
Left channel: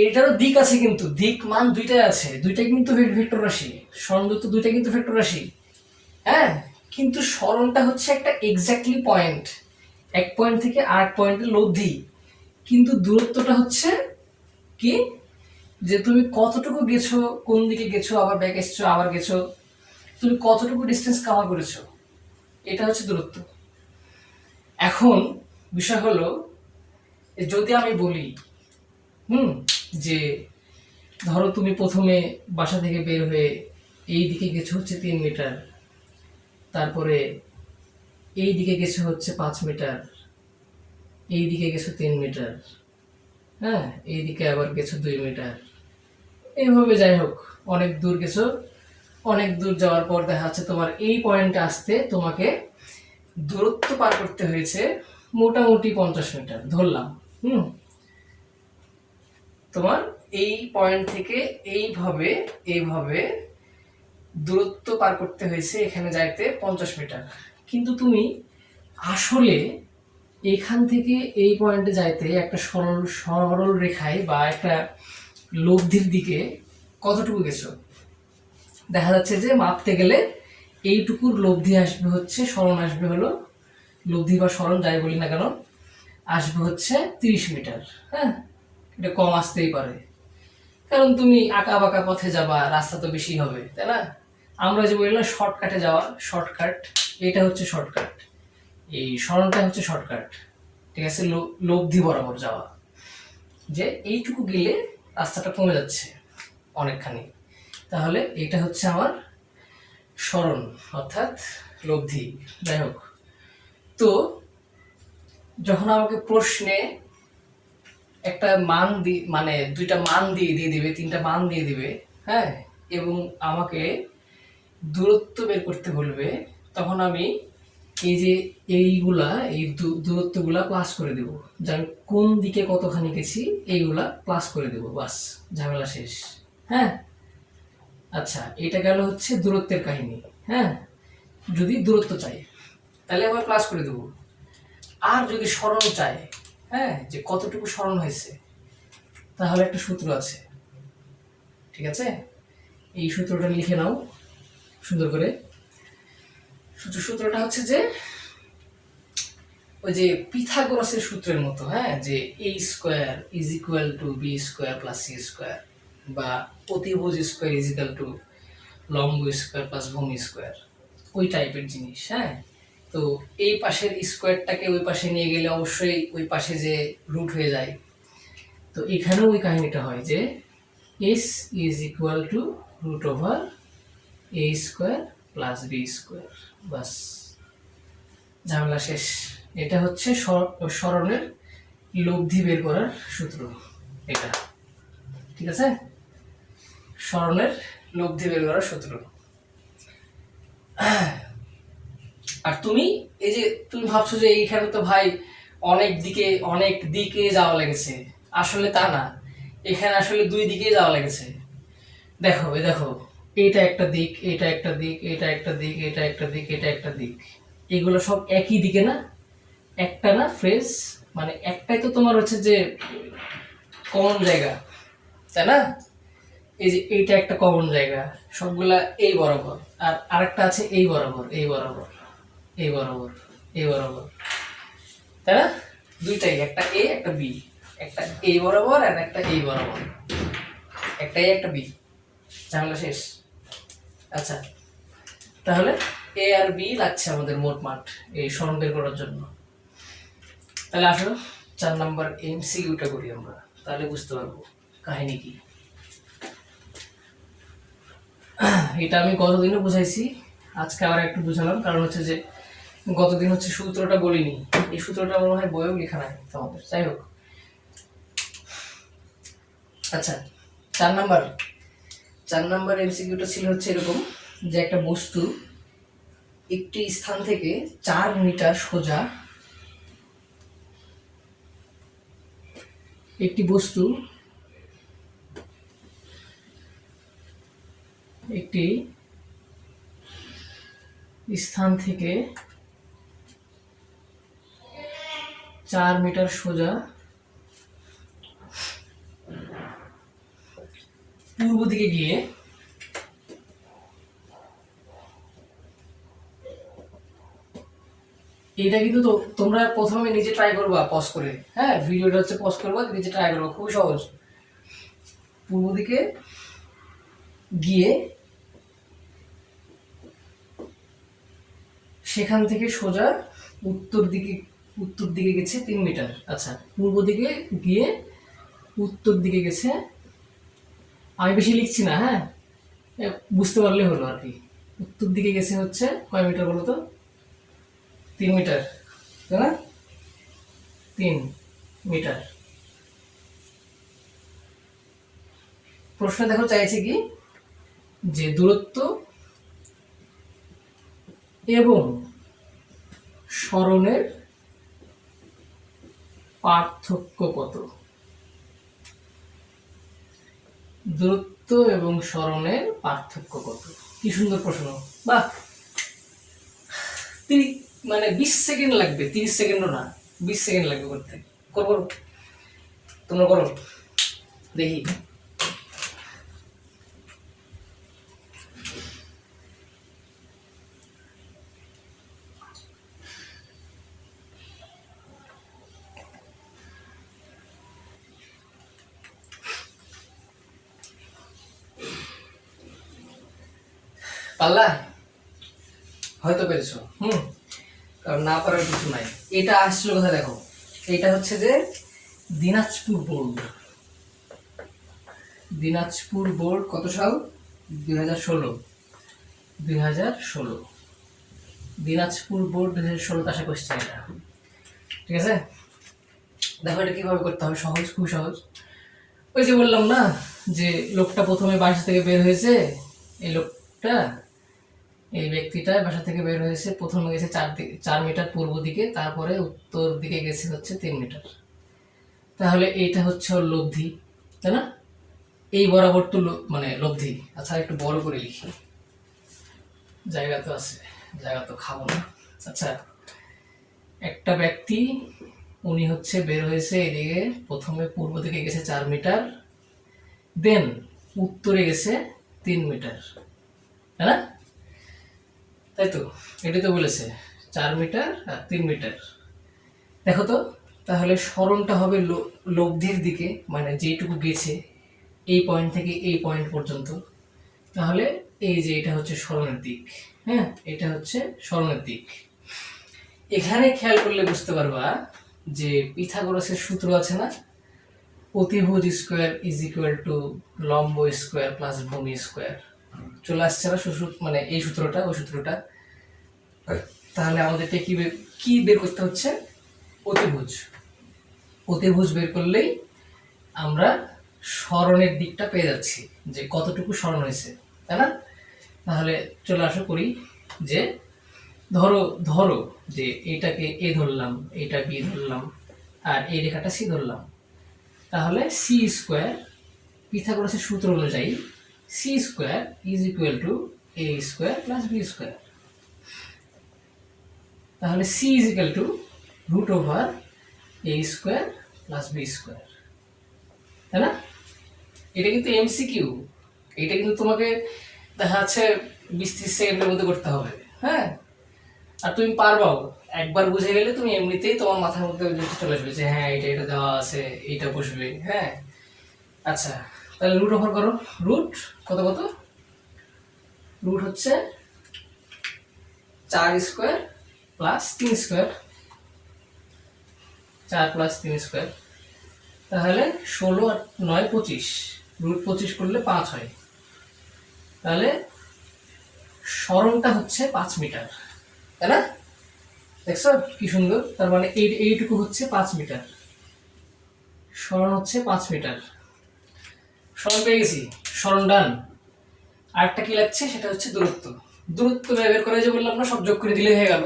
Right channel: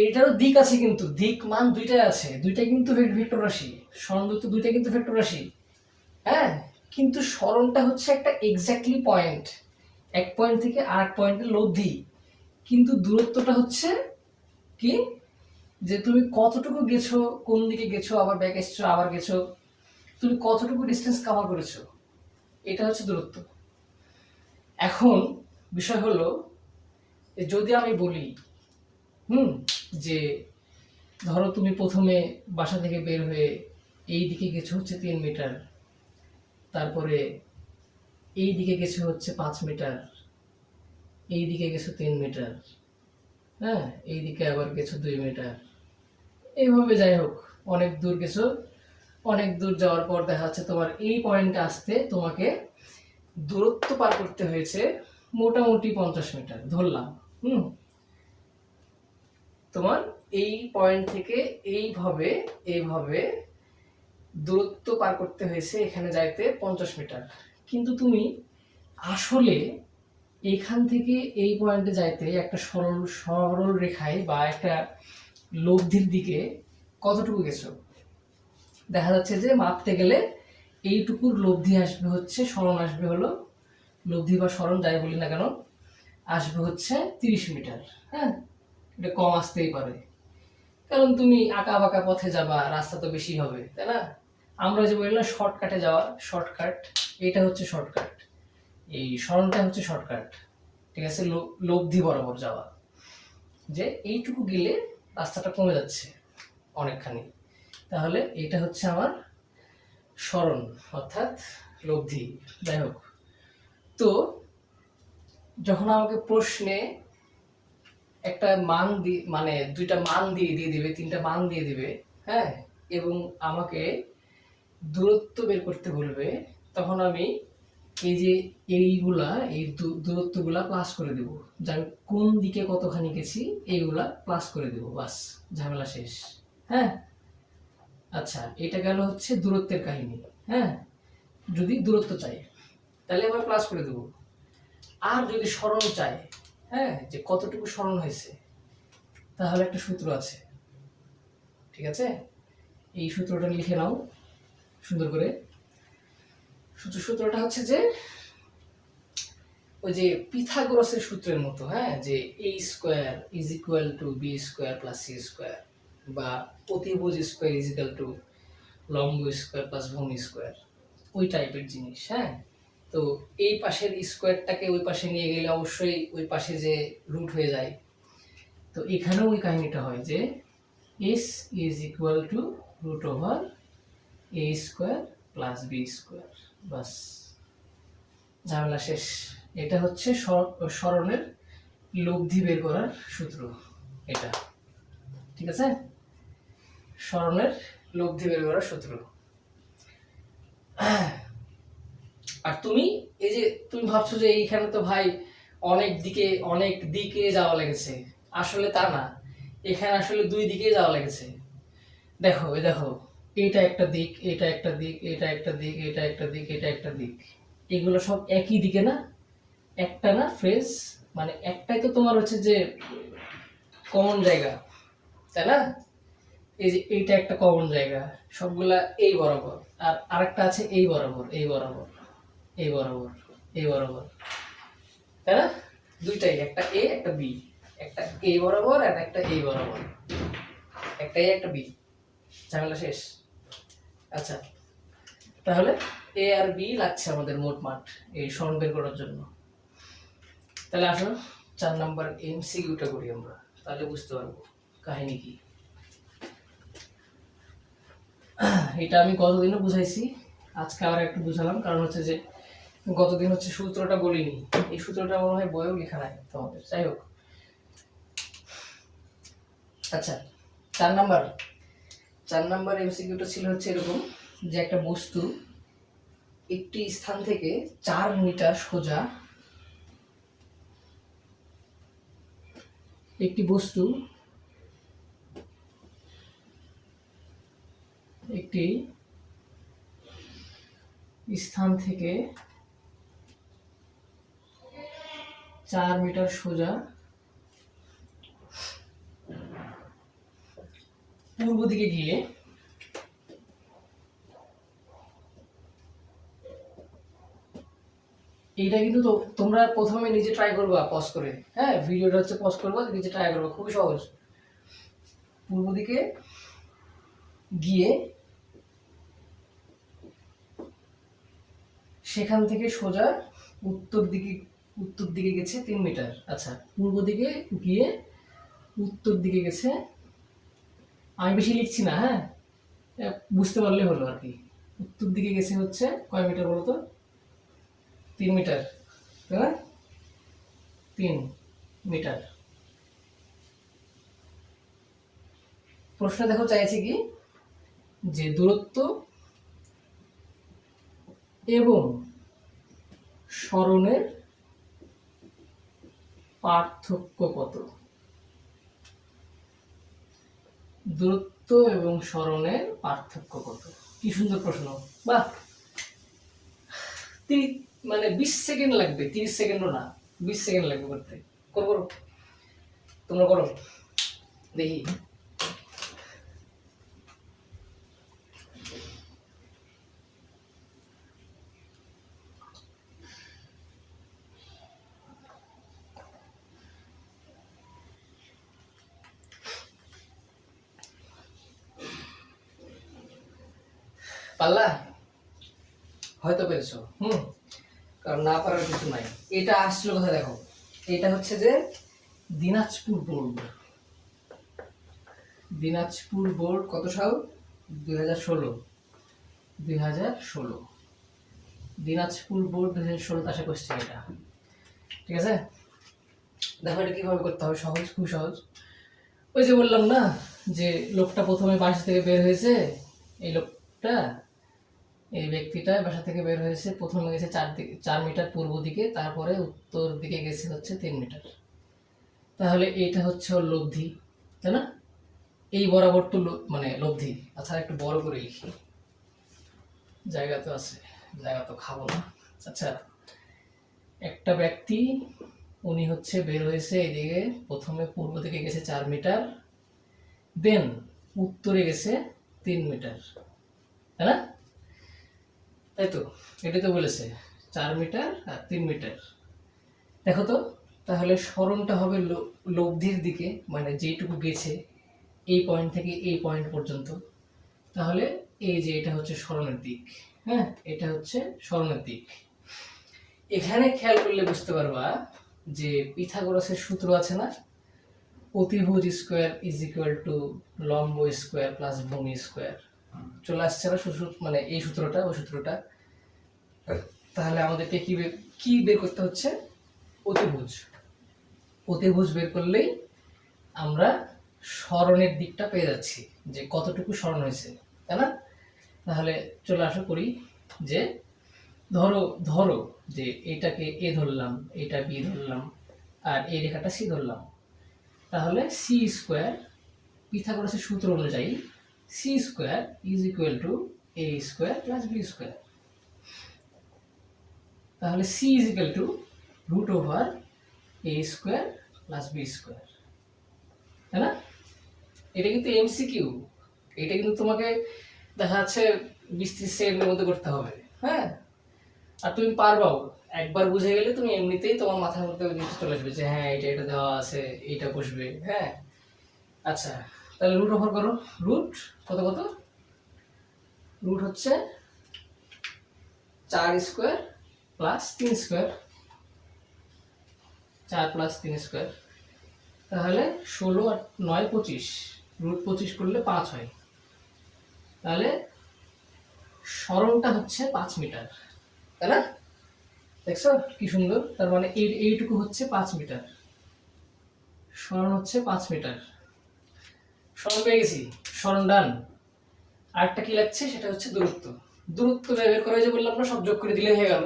এটারও দিক আছে, কিন্তু দিক মান দুইটাই আছে, দুইটাই কিন্তু ভেক্টর রাশি, সরণ দূরত্ব দুইটাই কিন্তু ভেক্টর রাশি। হ্যাঁ, কিন্তু সরণটা হচ্ছে একটা এক্স্যাক্টলি পয়েন্ট, এক পয়েন্ট থেকে আরেক পয়েন্টের লব্ধি, কিন্তু দূরত্বটা হচ্ছে কি, যে তুমি কতটুকু গেছো, কোন দিকে গেছো, আবার ব্যাক এসছো, আবার গেছো, তুমি কতটুকু ডিস্টেন্স কভার করেছো, এটা হচ্ছে দূরত্ব। এখন বিষয় হলো, যদি আমি বলি যে ধরো তুমি প্রথমে বাসা থেকে বের হয়ে এই দিকে গেছো হচ্ছে 3 মিটার, তারপরে এই দিকে গেছো হচ্ছে 5 মিটার, এই দিকে গেছো 3 মিটার, হ্যাঁ, এই দিকে আবার গেছো 2 মিটার, এইভাবে যাই হোক অনেক দূর গেছো। অনেক দূর যাওয়ার পর দেখা যাচ্ছে তোমার এই পয়েন্টে আসতে তোমাকে দূরত্ব পার করতে হয়েছে মোটামুটি 50 মিটার ধরলাম। তোমার এই পয়েন্ট থেকে এইভাবে এইভাবে দূরত্ব পার করতে হয়েছে এখানে যাইতে 50 মিটার, কিন্তু তুমি আসলে এখান থেকে এই পয়েন্টে যাইতে একটা সরল সরল রেখায় বা একটা লব্ধির দিকে কতটুকু গেছো, দেখা যাচ্ছে যে মাপতে গেলে এইটুকুর লব্ধি আসবে হচ্ছে, সরণ আসবে হলো, লব্ধি বা সরণ যাই বলি না কেন, আসবে হচ্ছে 30 মিটার। হ্যাঁ, এটা কম আসতেই পারে, কারণ তুমি আঁকা বাঁকা পথে যাবা, রাস্তা তো বেশি হবে, তাই না? আমরা যে বললাম শর্টকাটে যাওয়া, শর্টকাট, এটা হচ্ছে শর্টকাট, এই সরণটা হচ্ছে শর্টকাট, ঠিক আছে, লব্ধি বরাবর যাওয়া, যে এইটুকু গেলে রাস্তাটা কমে যাচ্ছে অনেকখানি, তাহলে এটা হচ্ছে আমার সরণ অর্থাৎ লব্ধি। যাই হোক, তো যখন আমাকে প্রশ্নে একটা মান মানে দুইটা মান দিয়ে দিবে, তিনটা মান দিয়ে দিবে, হ্যাঁ, এবং আমাকে দূরত্ব বের করতে বলবে, তখন আমি এই যে এইগুলা এই দূরত্বগুলা প্লাস করে দেব, যে আমি কোন দিকে কতখানি গেছি এইগুলা প্লাস করে দেব, বাস ঝামেলা শেষ। হ্যাঁ, আচ্ছা, এটা গেল হচ্ছে দূরত্বের কাহিনী। হ্যাঁ, যদি দূরত্ব চাই তাহলে আবার প্লাস করে দেব। আর যদি সরণ চাই, হ্যাঁ, যে কতটুকু সরণ হয়েছে, তাহলে একটা সূত্র আছে, ঠিক আছে? এই সূত্রটা লিখে নাও সুন্দর করে। সূত্রটা হচ্ছে যে ওই যে পিথাগোরাসের সূত্রের মতো, হ্যাঁ, যে a square is equal to b square plus c square, বা অতিভুজ স্কয়ার ইজ ইকুয়াল টু লম্ব স্কয়ার প্লাস ভূমি স্কয়ার, ওই টাইপের জিনিস। হ্যাঁ, তো এই পাশের স্কয়ারটাকে ওই পাশে নিয়ে গেলে অবশ্যই ওই পাশে যে রুট হয়ে যায়। তো এখানেও ওই কাহিনীটা হয় যে s is equal to root over a square plus b square, বাস ঝামেলা শেষ। এটা হচ্ছে সরণের লব্ধি বের করার সূত্র, এটা, ঠিক আছে? সরণের লব্ধি বের করার সূত্র। আর তুমি এই যে তুমি ভাবছো যে এইখানে তো ভাই অনেক দিকে যাওয়া লেগেছে, আসলে তা না, এখানে আসলে দুই দিকে যাওয়া লেগেছে। দেখো দেখো, এটা একটা দিক, এটা একটা দিক, এটা একটা দিক, এটা একটা দিক, এটা একটা দিক, এগুলো সব একই দিকে না? একটা না ফ্রেজ, মানে একটাই তো তোমার হচ্ছে যে কমন জায়গা, তাই না? এই যে এইটা একটা কমন জায়গা, সবগুলা এই বরাবর, আর আরেকটা আছে এই বরাবর, এই বরাবর, এই বরাবর, এই বরাবর, তাই না? দুইটাই, একটা এ একটা বি, একটা এই বরাবর আর একটা এই বরাবর, একটা এ একটা বি, ঝামেলা শেষ। আচ্ছা, তাহলে এ আর বি লাগছে আমাদের মোটমাট এই সরণ বের করার জন্য। তাহলে আসো 4 নাম্বার এমসিকিউটা করি আমরা, তাহলে বুঝতে পারবো কাহিনী কি। এটা আমি গতদিনও বুঝাইছি, আজকে আবার একটু বুঝালাম, কারণ হচ্ছে যে গতদিন হচ্ছে সূত্রটা বলিনি, এই সূত্রটা মনে হয় বইয়েও লেখা নাই তোমাদের, যাই হোক। আচ্ছা, 4 নাম্বার এমসিকিউটা ছিল হচ্ছে এরকম, যে একটা বস্তু একটি স্থান থেকে 4 মিটার সোজা, একটি বস্তু একটি স্থান থেকে 4 মিটার সোজা পূর্ব দিকে গিয়ে এটা কিন্তু তো তোমরা প্রথমে নিজে ট্রাই করবা পজ করে, হ্যাঁ, ভিডিওটা হচ্ছে পজ করবা, নিজে ট্রাই করবা, খুবই সহজ। পূর্ব দিকে গিয়ে সেখান থেকে সোজা উত্তর দিকে গেছে 3 মিটার। আচ্ছা, পূর্ব দিকে গিয়ে উত্তর দিকে গেছে, আমি বেশি লিখছি না, হ্যাঁ, বুঝতে পারলে হলো আর কি। উত্তর দিকে গেছে হচ্ছে কয় মিটার বলো তো? 3 মিটার, তাই না? 3 মিটার। প্রশ্ন দেখো চাইছে কি, যে দূরত্ব এবং সরণের পার্থক্য কত? দূরত্ব এবং সরণের পার্থক্য কত? কি সুন্দর প্রশ্ন, বাহ! মানে 20 সেকেন্ড লাগবে, 30 সেকেন্ডও না, 20 সেকেন্ড লাগবে করতে। করো, তোমরা করো, দেখি। পারলা? হয়তো পেরেছো, কারণ না পারার কিছু নাই। এটা আসছিল কোথায় দেখো, এটা হচ্ছে যে দিনাজপুর বোর্ড। দিনাজপুর বোর্ড কত সাল? 2016। 2016 দিনাজপুর বোর্ড 2016 আসা কোশ্চেন এটা, ঠিক আছে? দেখো এটা কিভাবে করতে হবে, সহজ, খুব সহজ। ওই যে বললাম না, যে লোকটা প্রথমে বাসা থেকে বের হয়েছে, এই লোকটা এই ব্যক্তিটা বাসা থেকে বের হয়েছে, প্রথমে গেছে 4 মিটার পূর্ব দিকে, তারপরে উত্তর দিকে গেছে হচ্ছে 3 মিটার। তাহলে এইটা হচ্ছে ওর লব্ধি, তাই না? এই বরাবর তো মানে লব্ধি। আচ্ছা একটু বড় করে লিখি, জায়গা তো আছে, জায়গা তো খাবো না। আচ্ছা, একটা ব্যক্তি, উনি হচ্ছে বের হয়েছে এদিকে, প্রথমে পূর্ব দিকে গেছে 4 মিটার, দেন উত্তরে গেছে 3 মিটার, তাই না? তাই তো, এটি তো বলেছে 4 মিটার আর 3 মিটার। দেখো তো, তাহলে সরণটা হবে লব্ধির দিকে, মানে যেটুকু গেছে এই পয়েন্ট থেকে এই পয়েন্ট পর্যন্ত। তাহলে এই যে এটা হচ্ছে সরণের দিক, হ্যাঁ, এটা হচ্ছে সরণের দিক। এখানে খেয়াল করলে বুঝতে পারবা যে পিথাগোরাসের সূত্র আছে না, অতিভুজ স্কোয়ার ইজ ইকুয়াল টু লম্ব স্কোয়ার প্লাস ভূমি স্কোয়ার। চলে আসছে না মানে এই সূত্রটা, ওই সূত্রটা। তাহলে আমাদেরকে কি বের করতে হচ্ছে? অতিভুজ। অতিভুজ বের করলেই আমরা সরণের দিকটা পেয়ে যাচ্ছি, যে কতটুকু সরণ হয়েছে, তাই না? তাহলে চলে আসো করি, যে ধরো যে এটাকে এ ধরলাম, এটা বি ধরলাম, আর এই রেখাটা সি ধরলাম। তাহলে সি স্কোয়ার, পিথাগোরাসের সূত্র অনুযায়ী c square is equal to a square plus b square. তাহলে c is equal to root over a square plus b square, তাই না? এটা কিন্তু এমসিকিউ, এটা কিন্তু তোমাকে দেখা যাচ্ছে 20-30 সেকেন্ডের মধ্যে করতে হবে, হ্যাঁ। আর তুমি পারবাও, একবার বুঝে গেলে তুমি এমনিতেই তোমার মাথার মধ্যে চলে আসবে যে হ্যাঁ এটা এটা দেওয়া আছে, এইটা বসবে, হ্যাঁ। আচ্ছা, তাহলে রুট ওভার করো। রুট কত কত? রুট হচ্ছে 4 square plus 3 square, 4 plus 3 square. তাহলে 16 আর 9 25, রুট 25 করলে 5 হয়। তাহলে সরণটা হচ্ছে 5 মিটার, তাই না? দেখছো কি সুন্দর, তার মানে এইটুকু হচ্ছে 5 মিটার, সরণ হচ্ছে 5 মিটার। সরণ পেয়ে গেছি, সরণ ডান। আরেকটা কি লাগছে, সেটা হচ্ছে দূরত্ব। দূরত্ব বের করা যে বললাম না, সব যোগ করে দিলে হয়ে গেল।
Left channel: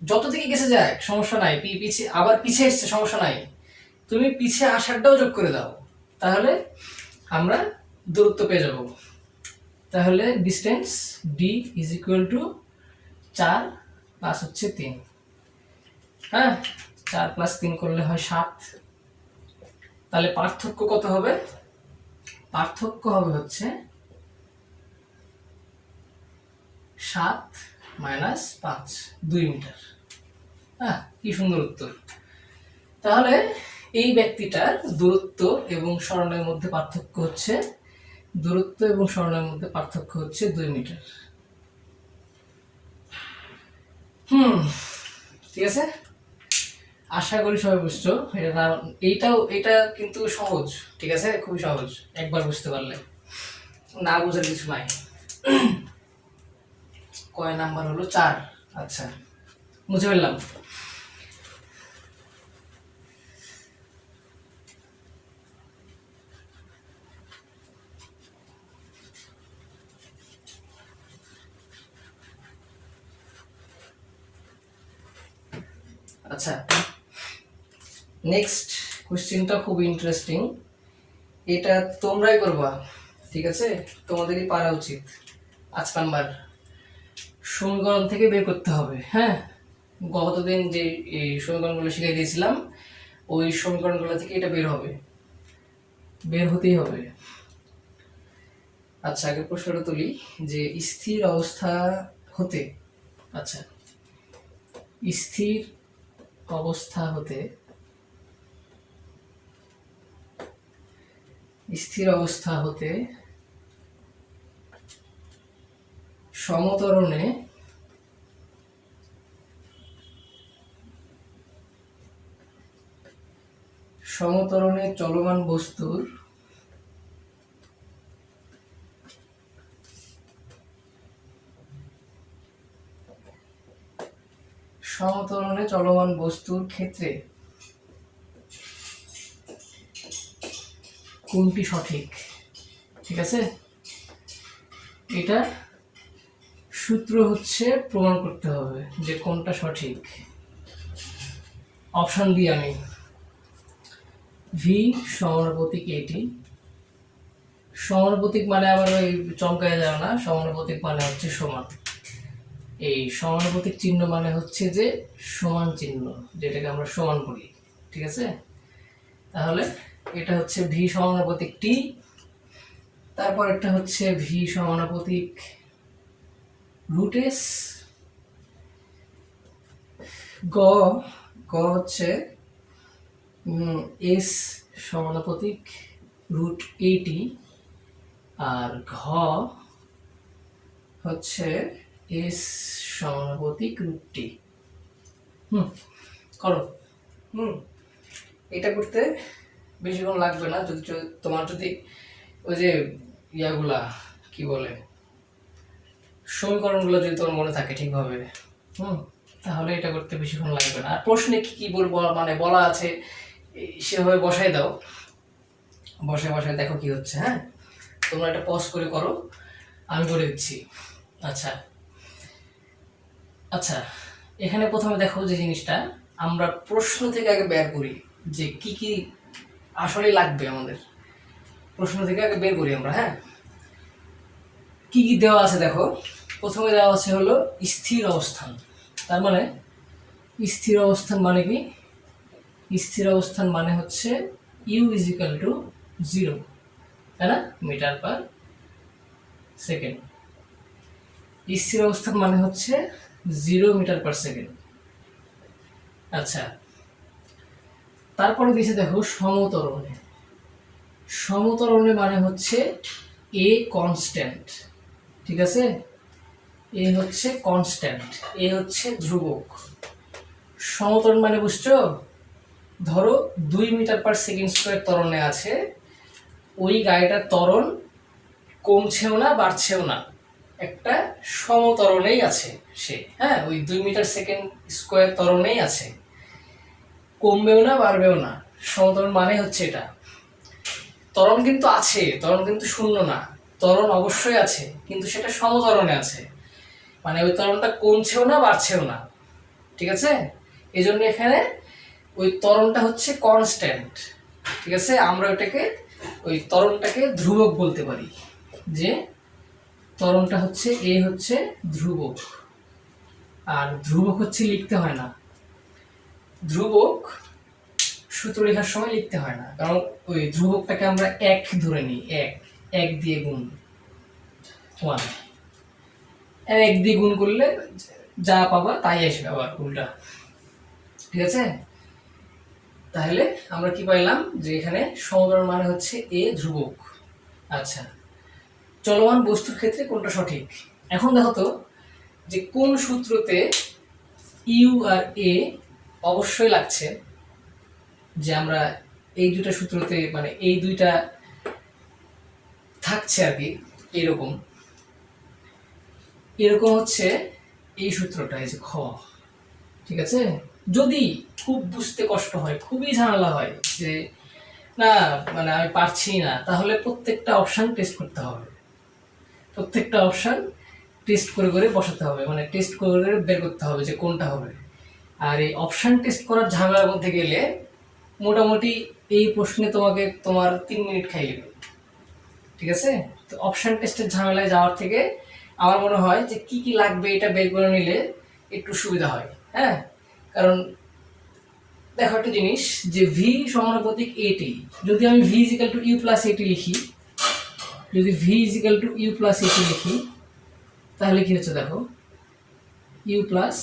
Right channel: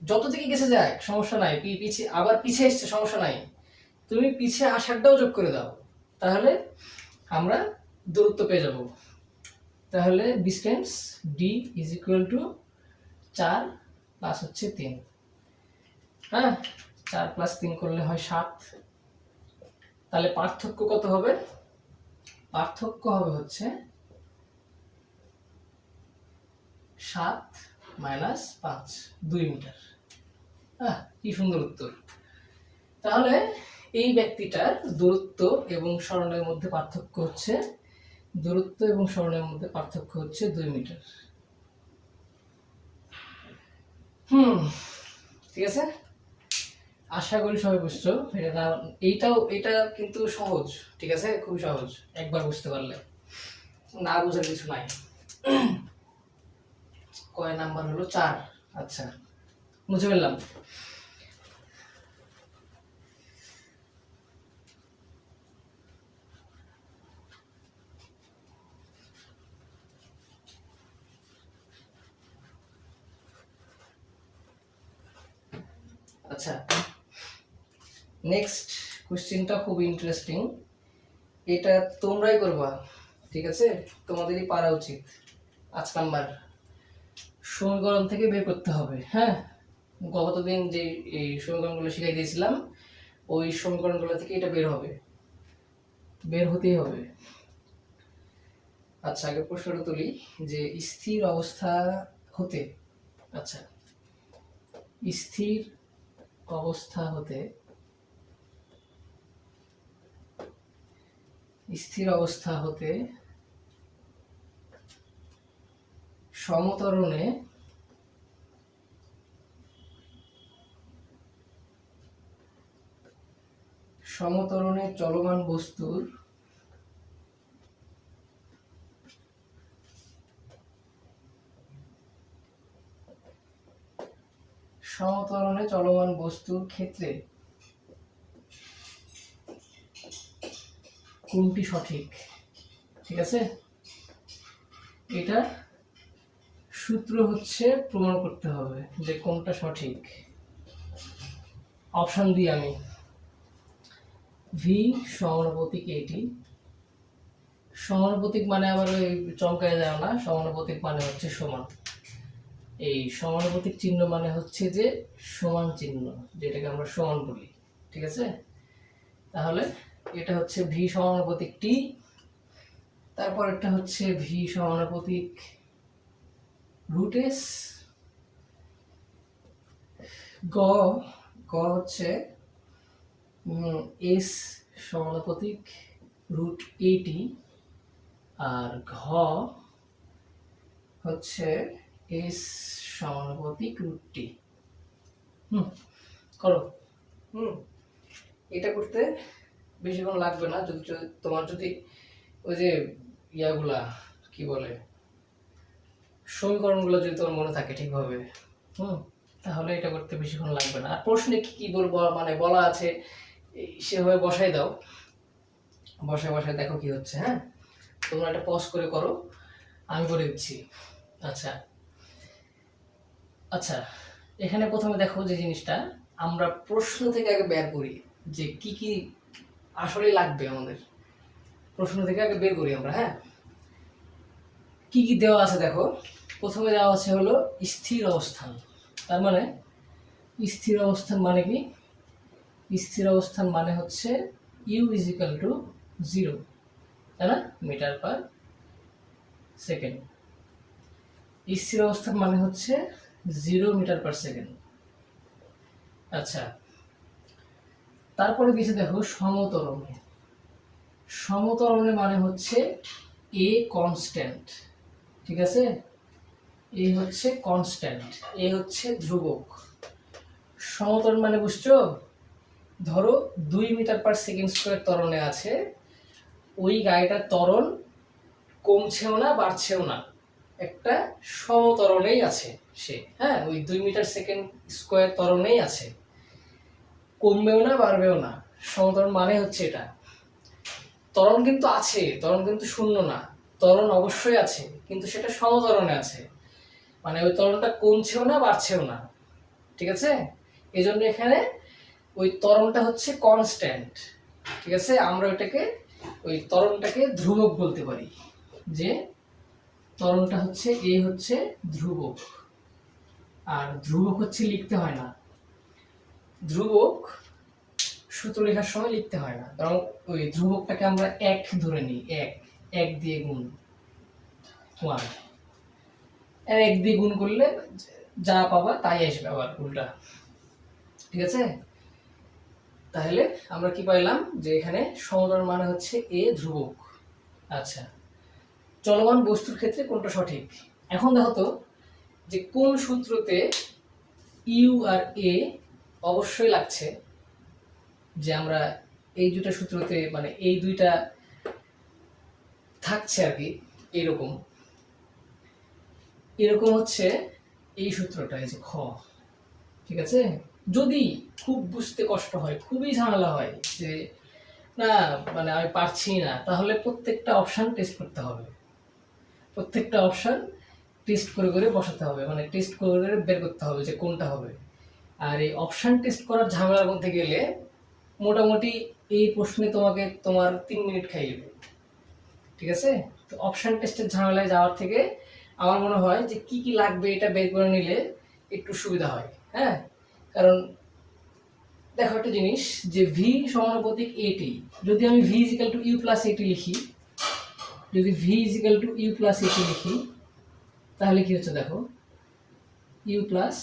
যত দিকে গেছে যায় সমস্যা নাই, পিছিয়ে আবার পিছিয়ে এসছে সমস্যা নাই, তুমি পিছিয়ে আসারটাও যোগ করে দাও, তাহলে আমরা দূরত্ব পেয়ে যাব। তাহলে distance D is equal two 4 plus হচ্ছে 3, হ্যাঁ, 4 প্লাস 3 করলে হয় 7। তাহলে পার্থক্য কত হবে? পার্থক্য হবে হচ্ছে 7 মাইনাস 5, 2 মিটার। হ্যাঁ, কি সুন্দর উত্তর। তাহলে এই ব্যক্তিটার দূরত্ব এবং সরণের মধ্যে পার্থক্য হচ্ছে, দূরত্ব এবং সরণের মধ্যে পার্থক্য হচ্ছে 2 মিটার। ঠিক আছে, আশা করি সবাই বুঝছো। এটা কিন্তু সহজ, ঠিক আছে, খুবই সহজ, একবার বুঝতে পারলে, না বুঝার কিছু নাই। কয় নাম্বার হলো? 4। আচ্ছা, বুঝে ফেললাম। আচ্ছা, নেক্সট কোশ্চেনটা খুব ইন্টারেস্টিং, এটা তোমরাই করবা, ঠিক আছে, তোমাদেরই পারা উচিত। 5 নাম্বার সমীকরণ থেকে বের করতে হবে, হ্যাঁ। গতদিন যে এই সমীকরণগুলো শিখিয়ে দিয়েছিলাম, ওই সমীকরণগুলো থেকে এটা বের হবে, বের হতেই হবে। আচ্ছা, আগে প্রশ্নটা তুলি, যে স্থির অবস্থা হতে, আচ্ছা, স্থির অবস্থা হতে, স্থির অবস্থা হতে সমতরণে চলমান বস্তুর ক্ষেত্রে কোনটি সঠিক? ঠিক আছে, এটা সূত্র হচ্ছে প্রমাণ করতে হবে যে কোনটা সঠিক। অপশন দিই আমি, ভি সমানুপাতিক এটি। সমানুপাতিক মানে আবার ওই চমকায় যায় না, সমানুপাতিক মানে হচ্ছে সমান। এই সমানুপাতিক চিহ্ন মানে হচ্ছে যে সমান চিহ্ন, যেটাকে আমরা সমান বলি, ঠিক আছে? তাহলে এটা হচ্ছে ভি সমানুপাতিক টি, তারপর একটা হচ্ছে ভি সমানুপাতিক রুট এস, গ গ হচ্ছে এস সমানুপাতিক রুট এটি, আর ঘ হচ্ছে এস সমানুপাতিক রুট টি। করো। এটা করতে বেশিক্ষণ লাগবে না, যদি তোমার যদি ওই যে ইয়াগুলা কি বলে সমীকরণগুলো যদি তোমার মনে থাকে ঠিকভাবে, তাহলে এটা করতে বেশিক্ষণ লাগবে না। আর প্রশ্নে কি কি বলবো মানে বলা আছে সেভাবে বসাই দাও, বসায় দেখো কি হচ্ছে। হ্যাঁ, তোমরা এটা পজ করে করো, আমি করে দিচ্ছি। আচ্ছা আচ্ছা, এখানে প্রথমে দেখো যে জিনিসটা আমরা প্রশ্ন থেকে আগে বের করি যে কি কি আসলে লাগবে আমাদের, প্রশ্ন থেকে আগে বের করি আমরা। হ্যাঁ, কি কি দেওয়া আছে দেখো। প্রথমে দেওয়া আছে হলো স্থির অবস্থান। তার মানে স্থির অবস্থান মানে কি? স্থির অবস্থান মানে হচ্ছে ইউ ইজ ইকুয়াল টু 0, তাই না, মিটার পার সেকেন্ড। স্থির অবস্থান মানে হচ্ছে 0 মিটার পার সেকেন্ড। আচ্ছা, তারপরে দিয়েছে দেখো সমতরণে। সমতরণে মানে হচ্ছে এ কনস্ট্যান্ট, ঠিক আছে? এ হচ্ছে কনস্ট্যান্ট, এ হচ্ছে ধ্রুবক। সমতরণ মানে বুঝছো? ধরো 2 মিটার পার সেকেন্ড স্কোয়ার ত্বরণে আছে, ওই গাড়িটার ত্বরণ কমছেও না বাড়ছেও না, একটা সমতরণেই আছে সে। হ্যাঁ, ওই 2 মিটার সেকেন্ড স্কোয়ার ত্বরণেই আছে, কমবেও না বাড়বেও না। সমতরণ মানে হচ্ছে এটা। ত্বরণ কিন্তু আছে, ত্বরণ কিন্তু শূন্য না, ত্বরণ অবশ্যই আছে, কিন্তু সেটা সমতরণে আছে, মানে ওই ত্বরণটা কমছেও না বাড়ছেও না, ঠিক আছে? এই জন্য এখানে ওই ত্বরণটা হচ্ছে কনস্ট্যান্ট, ঠিক আছে? আমরা ওটাকে ওই ত্বরণটাকে ধ্রুবক বলতে পারি, যে ত্বরণটা হচ্ছে এ হচ্ছে ধ্রুবক। আর ধ্রুবক হচ্ছে লিখতে হয় না, ধ্রুবক সূত্র লেখার সময় লিখতে হয় না, কারণ ওই ধ্রুবকটাকে আমরা এক ধরে নিই, এক দিয়ে গুণ 1, এক দিয়ে গুণ করলে যা পাবা তাই আসবে আবার উল্টা, ঠিক আছে? তাহলে আমরা কি পাইলাম যে এখানে সমতরণ মানে হচ্ছে এ ধ্রুবক। আচ্ছা, চলমান বস্তুর ক্ষেত্রে কোনটা সঠিক? এখন দেখো তো যে কোন সূত্রতে ইউ আর এ অবশ্যই লাগছে, যে আমরা এই দুটা সূত্রতে মানে এই দুইটা থাকছে আর কি, এরকম এরকম হচ্ছে এই সূত্রটা, এই যে খ, ঠিক আছে? যদি খুব বুঝতে কষ্ট হয়, খুবই ঝামেলা হয় যে না মানে আমি পারছি না, তাহলে প্রত্যেকটা অপশন টেস্ট করতে হবে, প্রত্যেকটা অপশন টেস্ট করে করে বসাতে হবে, মানে টেস্ট করে করে বের করতে হবে যে কোনটা হবে। আর এই অপশন টেস্ট করার ঝামেলার মধ্যে গেলে মোটামুটি এই প্রশ্নে তোমাকে তোমার 3 মিনিট খাই যাবে, ঠিক আছে? তো অপশন টেস্টের ঝামেলায় যাওয়ার থেকে আমার মনে হয় যে কি কি লাগবে এটা বের করে নিলে একটু সুবিধা হয়। হ্যাঁ, কারণ দেখো একটা জিনিস, যে ভি সমানুপাতিক এটি, যদি আমি v equal to u plus a t লিখি, যদি v equal to u plus a t লিখি, তাহলে কি হচ্ছে দেখো, ইউ প্লাস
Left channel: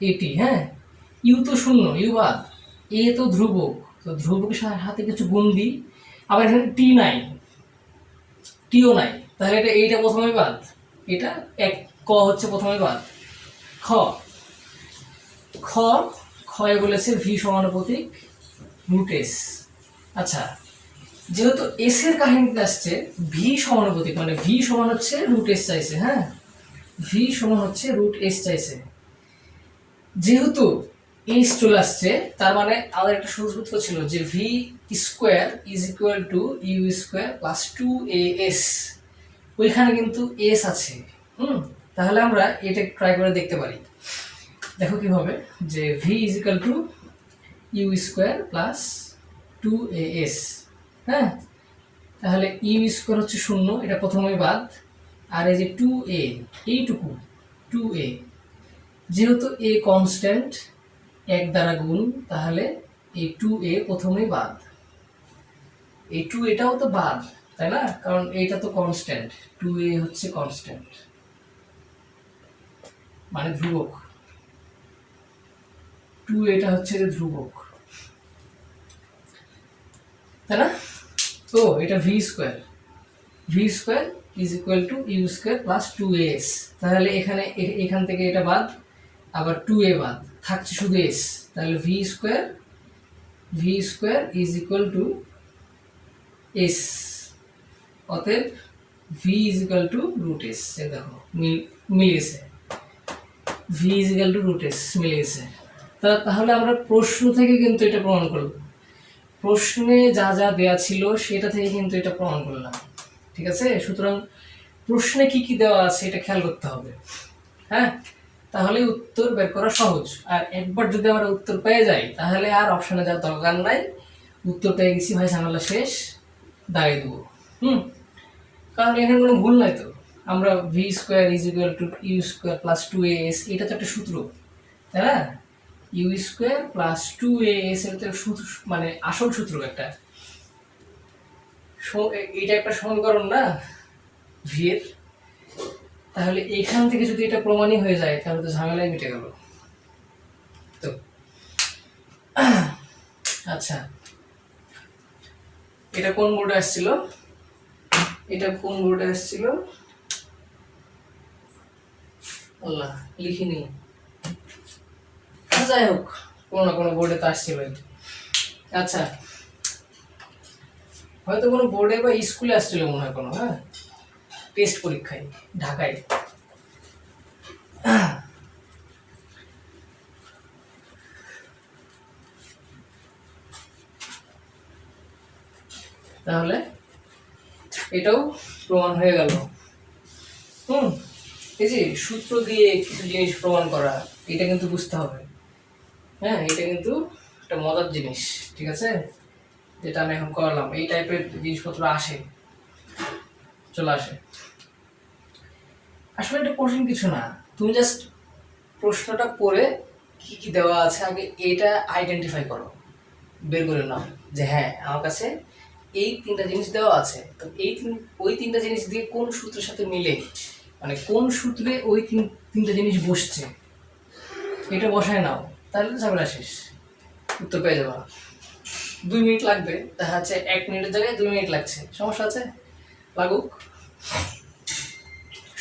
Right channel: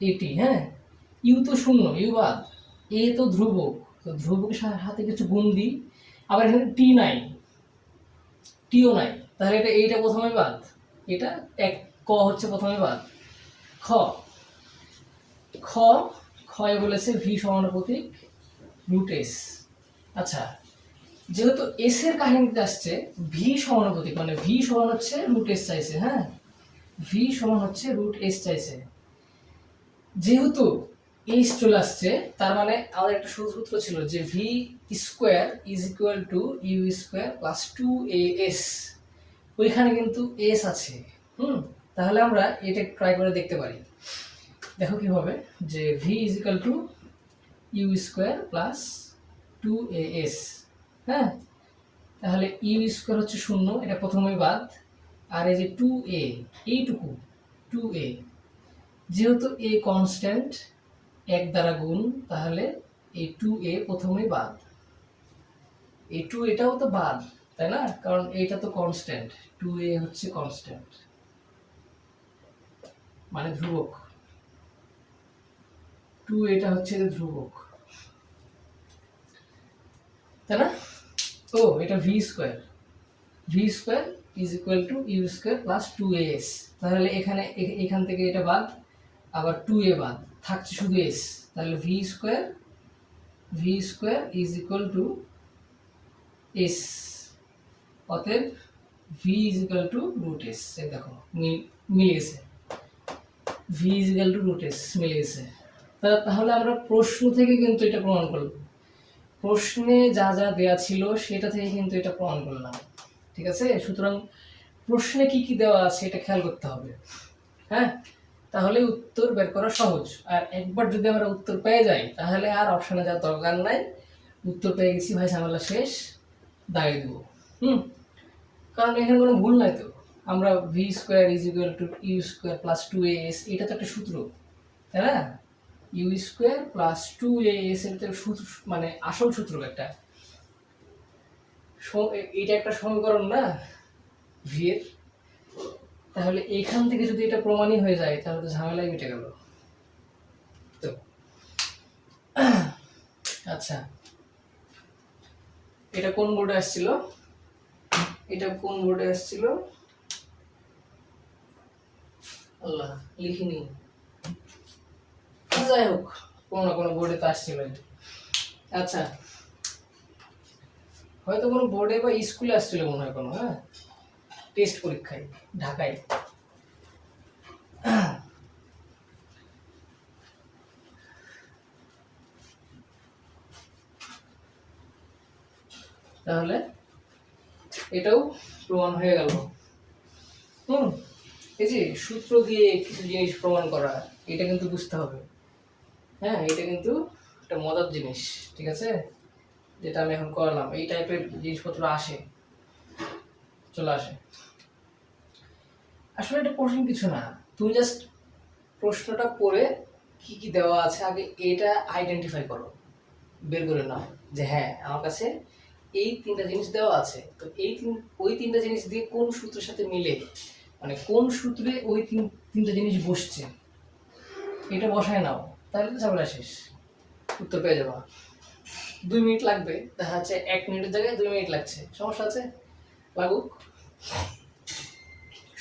এটি। হ্যাঁ, ইউ তো শূন্য, ইউ বাদ, এ তো ধ্রুবক, তো ধ্রুবকের হাতে কিছু গুণ দিই, আবার এখানে টি নাই, টিও নাই, তাহলে এটা এইটা প্রথমে বাদ, এটা এক, ক হচ্ছে প্রথমে বাদ। খ খ ক্ষয় বলেছে ভি সমানুপাতিক রুট এস। আচ্ছা, যেহেতু এস এর কাহিনীতে আসছে ভি সমানুপাতিক, মানে ভি সমান হচ্ছে রুট এস চাইছে। হ্যাঁ, ভি সমান হচ্ছে রুট এস চাইছে, যেহেতু এস চলে আসছে, তার মানে আমাদের একটা সূত্র ছিল যে v square is equal to u square plus 2 a s, ওইখানে কিন্তু এস আছে। তাহলে আমরা এটা ট্রাই করে দেখতে পারি। দেখো কি হবে, যে v is equal to u square plus 2as। হ্যাঁ, তাহলে ইউ স্কোয়ার হচ্ছে 0, এটা প্রথমেই বাদ। আর এই যে 2a, এইটুকু 2a, যেহেতু a কনস্ট্যান্ট, 1 দ্বারা গুণ, তাহলে এই 2a প্রথমেই বাদ। এই 2 এটাও তো বাদ, তাই না? কারণ এইটা তো কনস্ট্যান্ট, 2a হচ্ছে কনস্ট্যান্ট, মানে ধ্রুবক। 2 এটা হচ্ছে ধ্রুবক, তাই না? ও এটা v square is equal to u square plus 2as। তাহলে এখান থেকে এটা বাদ, আবার 2a বাদ, থাকছে শুধু s। তাহলে v square is equal to s। অতএব v is equal to root s. এই দেখো মিলিয়েছে, v is equal to root s মিলিয়েছে। তাহলে আমরা প্রশ্ন থেকে কিন্তু এটা প্রমাণ করলাম, প্রশ্নে যা যা দেয়া ছিল সেটা থেকে কিন্তু এটা প্রমাণ করলাম, ঠিক আছে? সুতরাং প্রশ্নে কি কি দেওয়া আছে এটা খেয়াল করতে হবে। হ্যাঁ, তাহলে উত্তর বের করা সহজ। আর একবার যদি আমরা উত্তর পেয়ে যাই, তাহলে আর অপশনে যাওয়ার দরকার নাই। উত্তর পেয়ে গেছি ভাই, ঝামেলা শেষ, দাঁড়িয়ে দেবো। কারণ এখানে কোনো ভুল নাই তো। আমরা v square is equal to u square plus 2as, এটা তো একটা সূত্র, তাই না? ইউ স্কোয়ার প্লাস 2as, এটা তো সূত্র, মানে আসল সূত্র একটা। এটা একটা সমীকরণ না ভি এর। তাহলে এইখান থেকে যদি এটা প্রমাণই হয়ে যায়, তাহলে তো ঝামেলাই মিটে গেল। তো আচ্ছা, এটা কোন বোর্ডে আসছিল? আল্লাহ, লিখিনি। যাই হোক, কোনো না কোনো বোর্ডে তো আসছিল। আচ্ছা, হয়তো কোনো বোর্ডে বা স্কুলে আসছিল মনে হয় কোনো, হ্যাঁ, টেস্ট পরীক্ষায় ঢাকায়। তাহলে এটাও প্রমাণ হয়ে গেল। এই যে সূত্র দিয়ে কিছু জিনিস প্রমাণ করা, এটা কিন্তু বুঝতে হবে। হ্যাঁ, এটা কিন্তু একটা মজার জিনিস, ঠিক আছে? যেটা আমি এখন করলাম, এই টাইপের জিনিসপত্র চলে আসে। আসলে এটা কঠিন কিছু না, তুমি জাস্ট প্রশ্নটা পড়ে কি কি দেওয়া আছে আগে এটা আইডেন্টিফাই করো, বের করে নাও যে হ্যাঁ আমার কাছে এই 3টা জিনিস দেওয়া আছে। তো ওই 3টা জিনিস দিয়ে কোন সূত্রের সাথে মিলে, মানে কোন সূত্রে ওই 3টা জিনিস বসছে, এটা বসায় নাও, তাহলে তো ঝামেলা শেষ, উত্তর পেয়ে যাবা। 2 মিনিট লাগবে, দেখা যাচ্ছে 1 মিনিটের জায়গায় 2 মিনিট লাগছে, সমস্যা আছে, লাগুক।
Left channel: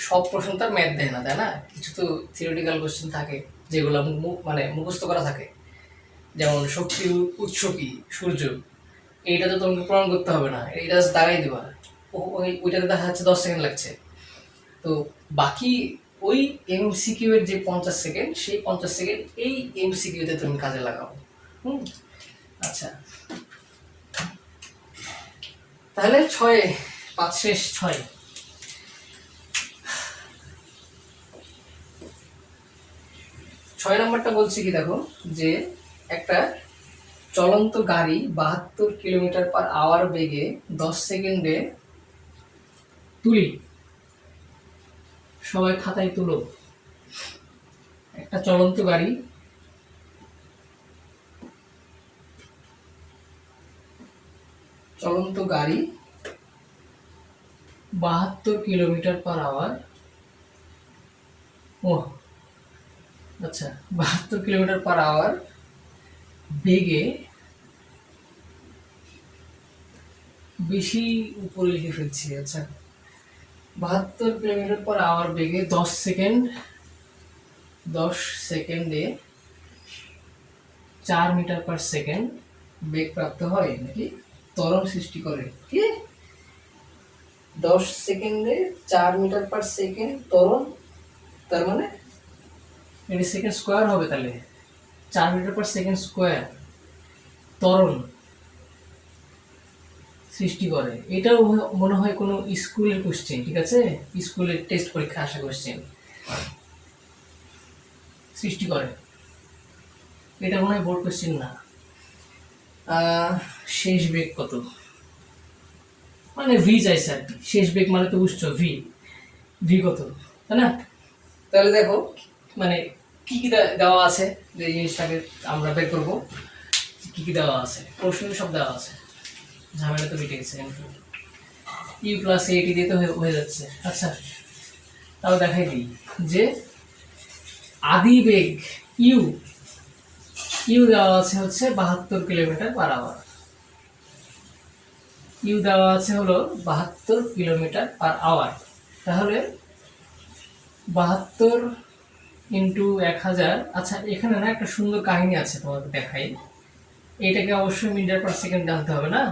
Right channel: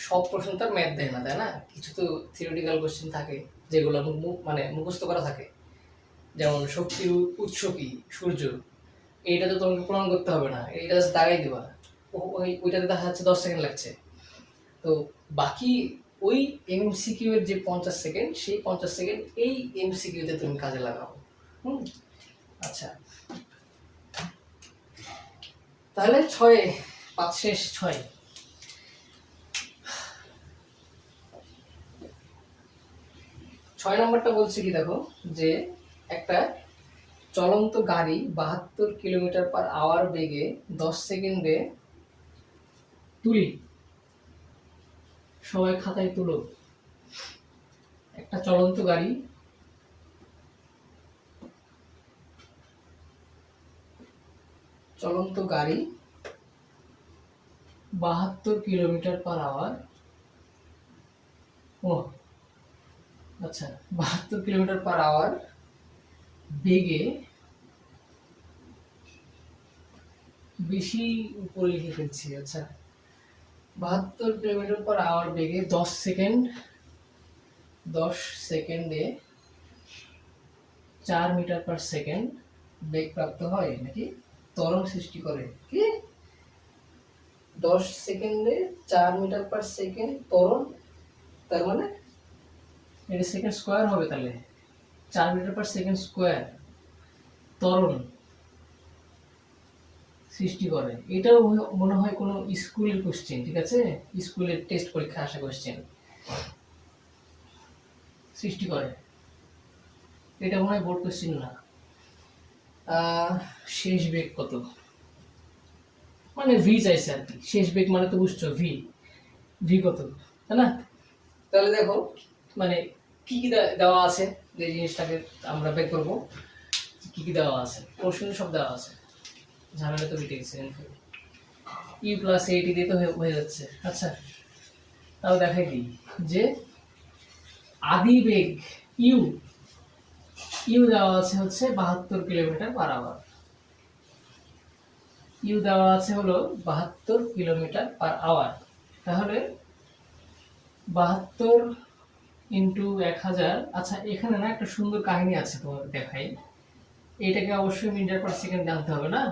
সব প্রশ্ন তার ম্যাথ দেয় না, তাই না? কিছু তো থিওরিটিক্যাল কোশ্চেন থাকে যেগুলো মানে মুখস্থ করা থাকে। যেমন শক্তির উৎস কি, সূর্য, এইটা তো তোমাকে প্রমাণ করতে হবে না, এটা দাগাই দিবা, ওইটাতে দেখা যাচ্ছে 10 সেকেন্ড লাগছে। তো বাকি ওই এমসিকিউ এর যে 50 সেকেন্ড, সেই 50 সেকেন্ড এই এমসিকিউতে তুমি কাজে লাগাও। আচ্ছা, তাহলে 5 শেষ 6। 6 নম্বরটা বলছি কি, দেখো যে একটা চলন্ত গাড়ি 72 কিলোমিটার পার আওয়ার বেগে 10 সেকেন্ডে তুলি, সবাই খাতায় তুলো। একটা চলন্ত গাড়ি 72 কিলোমিটার পার আওয়ার, ও আচ্ছা, 72 কিলোমিটার পার আওয়ার বেগে, বেশি উপরে লিখে ফেলছি। আচ্ছা, 72 কিলোমিটার পার আওয়ার বেগে 10 সেকেন্ডে 4 মিটার পার সেকেন্ড বেগ প্রাপ্ত হয়, নাকি ত্বরণ সৃষ্টি করে। কি 10 সেকেন্ডে 4 মিটার পার সেকেন্ড ত্বরণ, তার মানে এটা সেকেন্ড স্কোয়ার হবে, তাহলে 4 মিটার পার সেকেন্ড স্কোয়ার ত্বরণ সৃষ্টি করে। এটাও মনে হয় কোনো স্কুলের কোশ্চেন, ঠিক আছে? স্কুলের টেস্ট পরীক্ষা আসা কোশ্চেন। সৃষ্টি করে। এটা মনে হয় বোর্ড কোশ্চেন না। শেষ বেগ কত, মানে ভি চাইছে আর কি। শেষ বেগ মানে তো বুঝছো ভি, ভি কত, তাই না? তাহলে দেখো মানে কি কি দেওয়া আছে, যে জিনিসটাকে আমরা বের করবো কি কি দেওয়া আছে। প্রশ্নে সব দেওয়া আছে, ঝামেলা তো মিটে গেছে। ইউ প্লাস এটি দিয়ে তো হয়ে যাচ্ছে। আচ্ছা তাও দেখাই দিই যে আদি বেগ ইউ, ইউ দেওয়া আছে হচ্ছে 72 কিলোমিটার পার আওয়ার। ইউ দেওয়া আছে হলো 72 কিলোমিটার পার আওয়ার। তাহলে 72 ইন্টু 1000। আচ্ছা এখানে না একটা সুন্দর কাহিনী আছে, তোমাকে দেখাই। এটাকে অবশ্যই মিটার পার সেকেন্ড আনতে হবে না,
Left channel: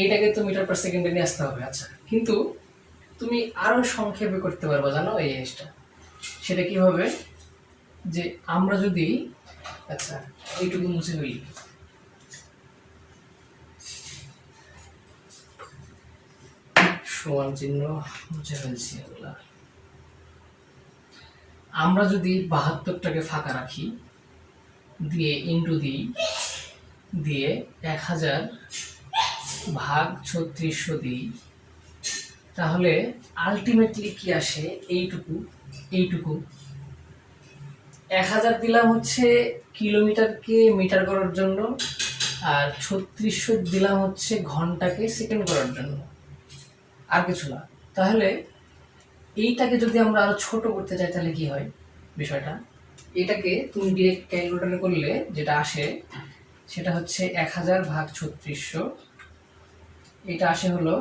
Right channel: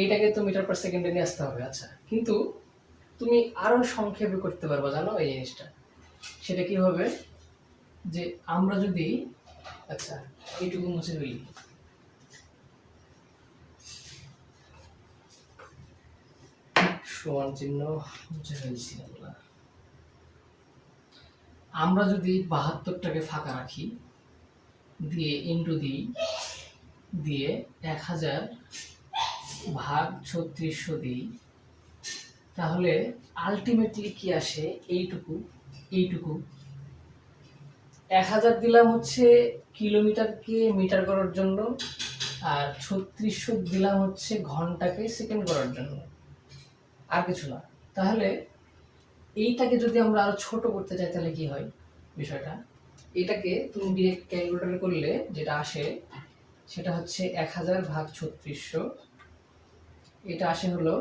এইটাকে তো মিটার পার সেকেন্ডে নিয়ে আসতে হবে। আচ্ছা কিন্তু তুমি আরো সংক্ষেপে করতে পারবে, জানো এই জিনিসটা। সেটা কি হবে, যে আমরা যদি, আচ্ছা এইটুকু মুছে ফেলি, সমান চিহ্ন মুছে ফেলছি এগুলা। আমরা যদি 72টাকে ফাঁকা রাখি, দিয়ে ইন্টু দিই, দিয়ে 1000 ভাগ 3600 দিই, তাহলে আলটিমেটলি কি আসে, এইটুকু। এইটুকু 1000 দিলাম হচ্ছে কিলোমিটারকে মিটার করার জন্য, আর 3600 দিলাম হচ্ছে ঘন্টাকে সেকেন্ড করার জন্য, আর কিছু না। তাহলে এইটাকে যদি আমরা আরো ছোট করতে চাই তাহলে কি হয় বিষয়টা, এটাকে তুমি ডিরেক্ট ক্যালকুলেটরে করলে যেটা আসে সেটা হচ্ছে 1000 ভাগ 3600, এটা আসে হলো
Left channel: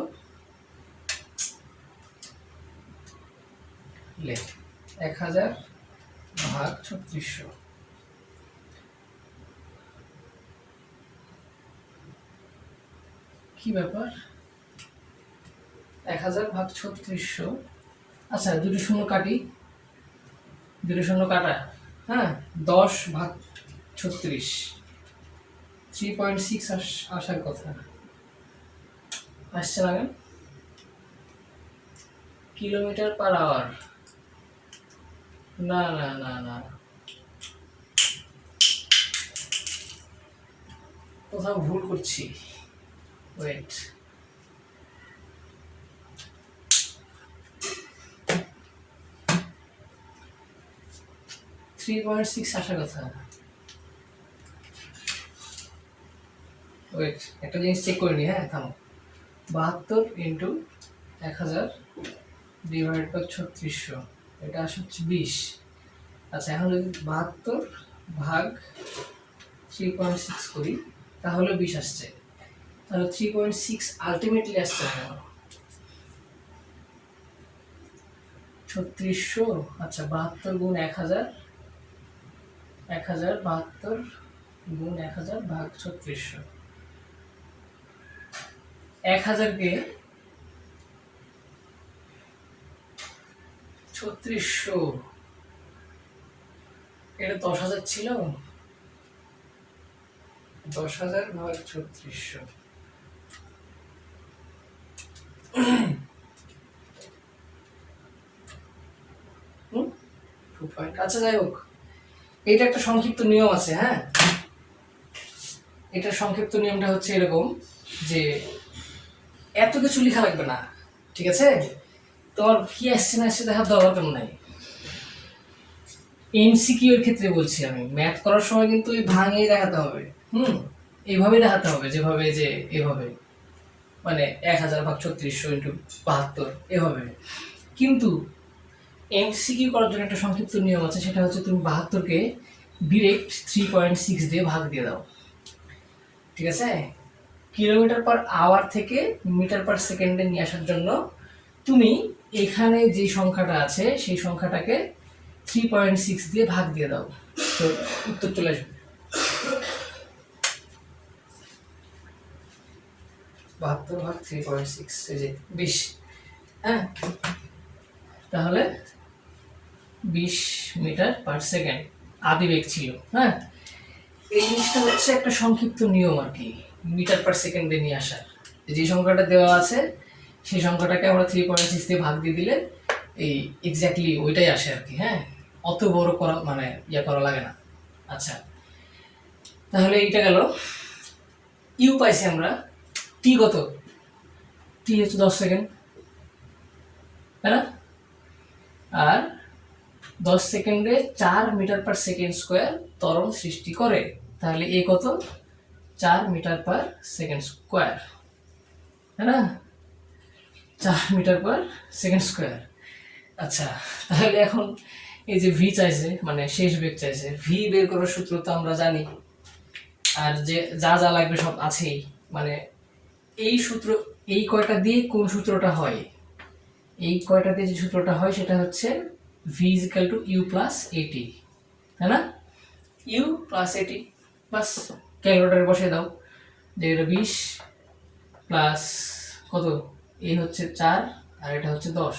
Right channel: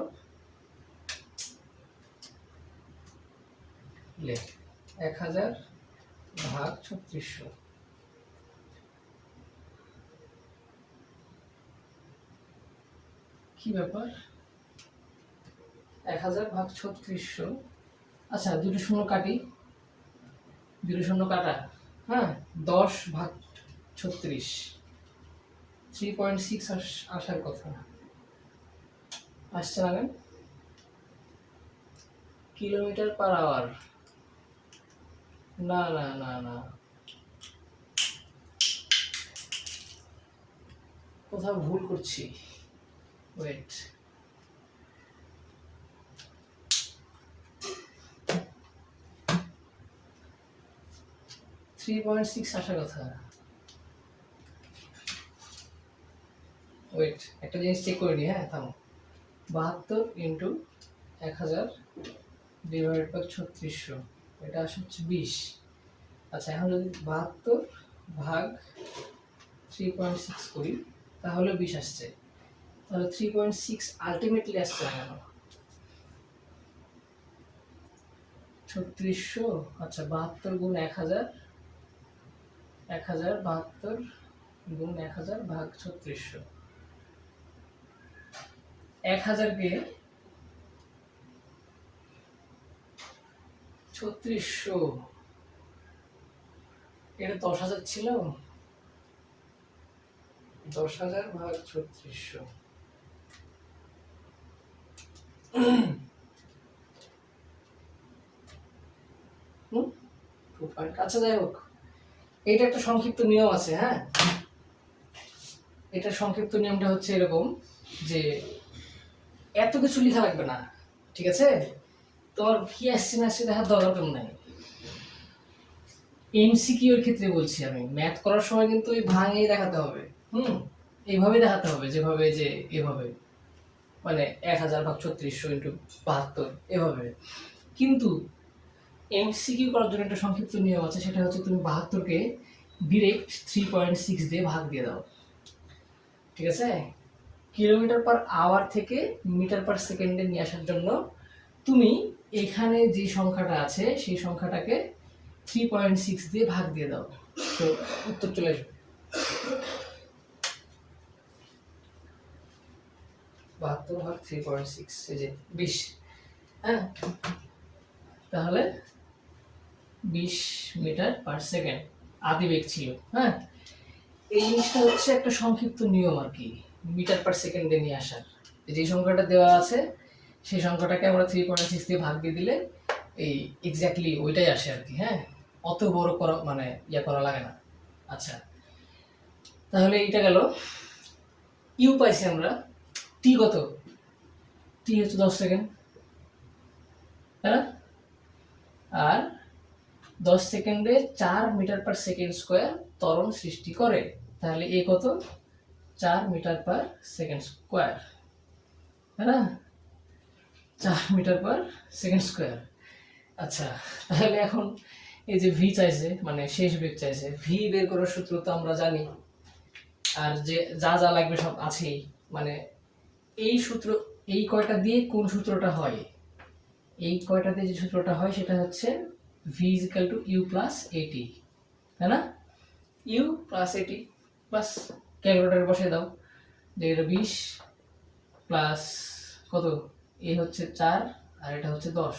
1000 ভাগ 3600। কি ব্যাপার, 1000 ভাগ 3600। আচ্ছা দুটো শূন্য কাটি, দুটো শূন্য কাটা, হ্যাঁ 10 ভাগ 36, 3.6 আসার কথা, আসছে না কেন? কিলোমিটার পার আওয়ার, না না না না, কোথাও ভুল করছি, ওয়েট। থ্রি পয়েন্ট সিক্স আসার কথা। ওয়েট একটা জিনিস চেক করে নি, হ্যাঁ থামো। 72 ইন্টু 1000 ডিভাইড বাই 3600, এটা আসে হচ্ছে 20। আচ্ছা এখন যদি 72 ভাগ 3.6 করি তাহলে 20 আসছে। তাহলে 3.6 আলটিমেটলি আসছে না কেন? 3600, আচ্ছা 72 গুণ 1000, 72 গুণ 1000 ভাগ 3600। 1000কে 3600, এটা 10,000 ছিল, 10,000 ভাগ 3600। আচ্ছা যাই হোক, এটা একটা সংক্ষিপ্ত নিয়ম আছে, হ্যাঁ। এটা সংক্ষিপ্ত নিয়মটা হচ্ছে এরকম যে এত কিছু লেখা লাগবে না, ঠিক আছে? তোমার কি আসছে না আসছে দেখার দরকার নাই। এমসিকিউ এর ক্ষেত্রে বলছি আমি, ম্যাথ করার সময় কিন্তু এই ভাঙিয়ে দেখাতে হবে, এইভাবে দেখাতে হবে, যেভাবে যে এভাবে, মানে 1000 ভাগ 3600 ইন্টু 72 এভাবে। কিন্তু এমসিকিউ করার জন্য একটা সংক্ষিপ্ত নিয়ম আছে, সেটা হচ্ছে তুমি 72কে ডিরেক্ট 3.6 দিয়ে ভাগ দিয়ে দাও, ঠিক আছে? কিলোমিটার পার আওয়ার থেকে মিটার পার সেকেন্ডে নিয়ে আসার জন্য তুমি এখানে যে সংখ্যাটা আছে সেই সংখ্যাটাকে 3.6 দিয়ে ভাগ দিয়ে দাও, তো উত্তর চলে আসবে। 72 ভাগ 3.6, এই যে 20, হ্যাঁ। তাহলে 20 মিটার পার সেকেন্ড আদিবেগ ছিল, হ্যাঁ। এই জিনিসটা হচ্ছে একটা সংক্ষিপ্ত নিয়ম আর কি, মিটার পার সেকেন্ডে নিয়ে আসার। যে সংখ্যাটা দেওয়া আছে সেই সংখ্যাটাকে আমরা 3.6 দিয়ে ভাগ দিয়ে দিলে এই এক্স্যাক্টলি ওইটাই আসে আর কি। হ্যাঁ, অত বড় করা মানে করা লাগে না। আচ্ছা, তাহলে এইটা গেল। ইউ পাইছি আমরা। টি কত? টি হচ্ছে 10 সেকেন্ড, তাই না? আর 10 সেকেন্ডে 4 মিটার পার সেকেন্ড স্কোয়ার ত্বরণ সৃষ্টি করে। তাহলে এ কত? 4 মিটার পার সেকেন্ড স্কোয়ার, তাই না? 4 মিটার পার সেকেন্ড স্কোয়ার। আচ্ছা, তাহলে এখন এই যে ভি চাইছে, মানে শেষ বেগ চাইছে, ভি বের করার সূত্র তো আমরা জানি, আর যে যা যা লাগবে সব আছেই। মানে এই সূত্র, এই কয়টা দিয়ে কোন সূত্রটা হয়, এই কয়টা দিয়ে যে সূত্রটা হয় সেটা হচ্ছে v is equal to u plus a t, তাই না? ইউ প্লাস এটি, বাস ক্যালকুলেটারে বসিয়ে দাও যে এটা 20 প্লাস কত, এই হচ্ছে 4 আর এটা হচ্ছে 10,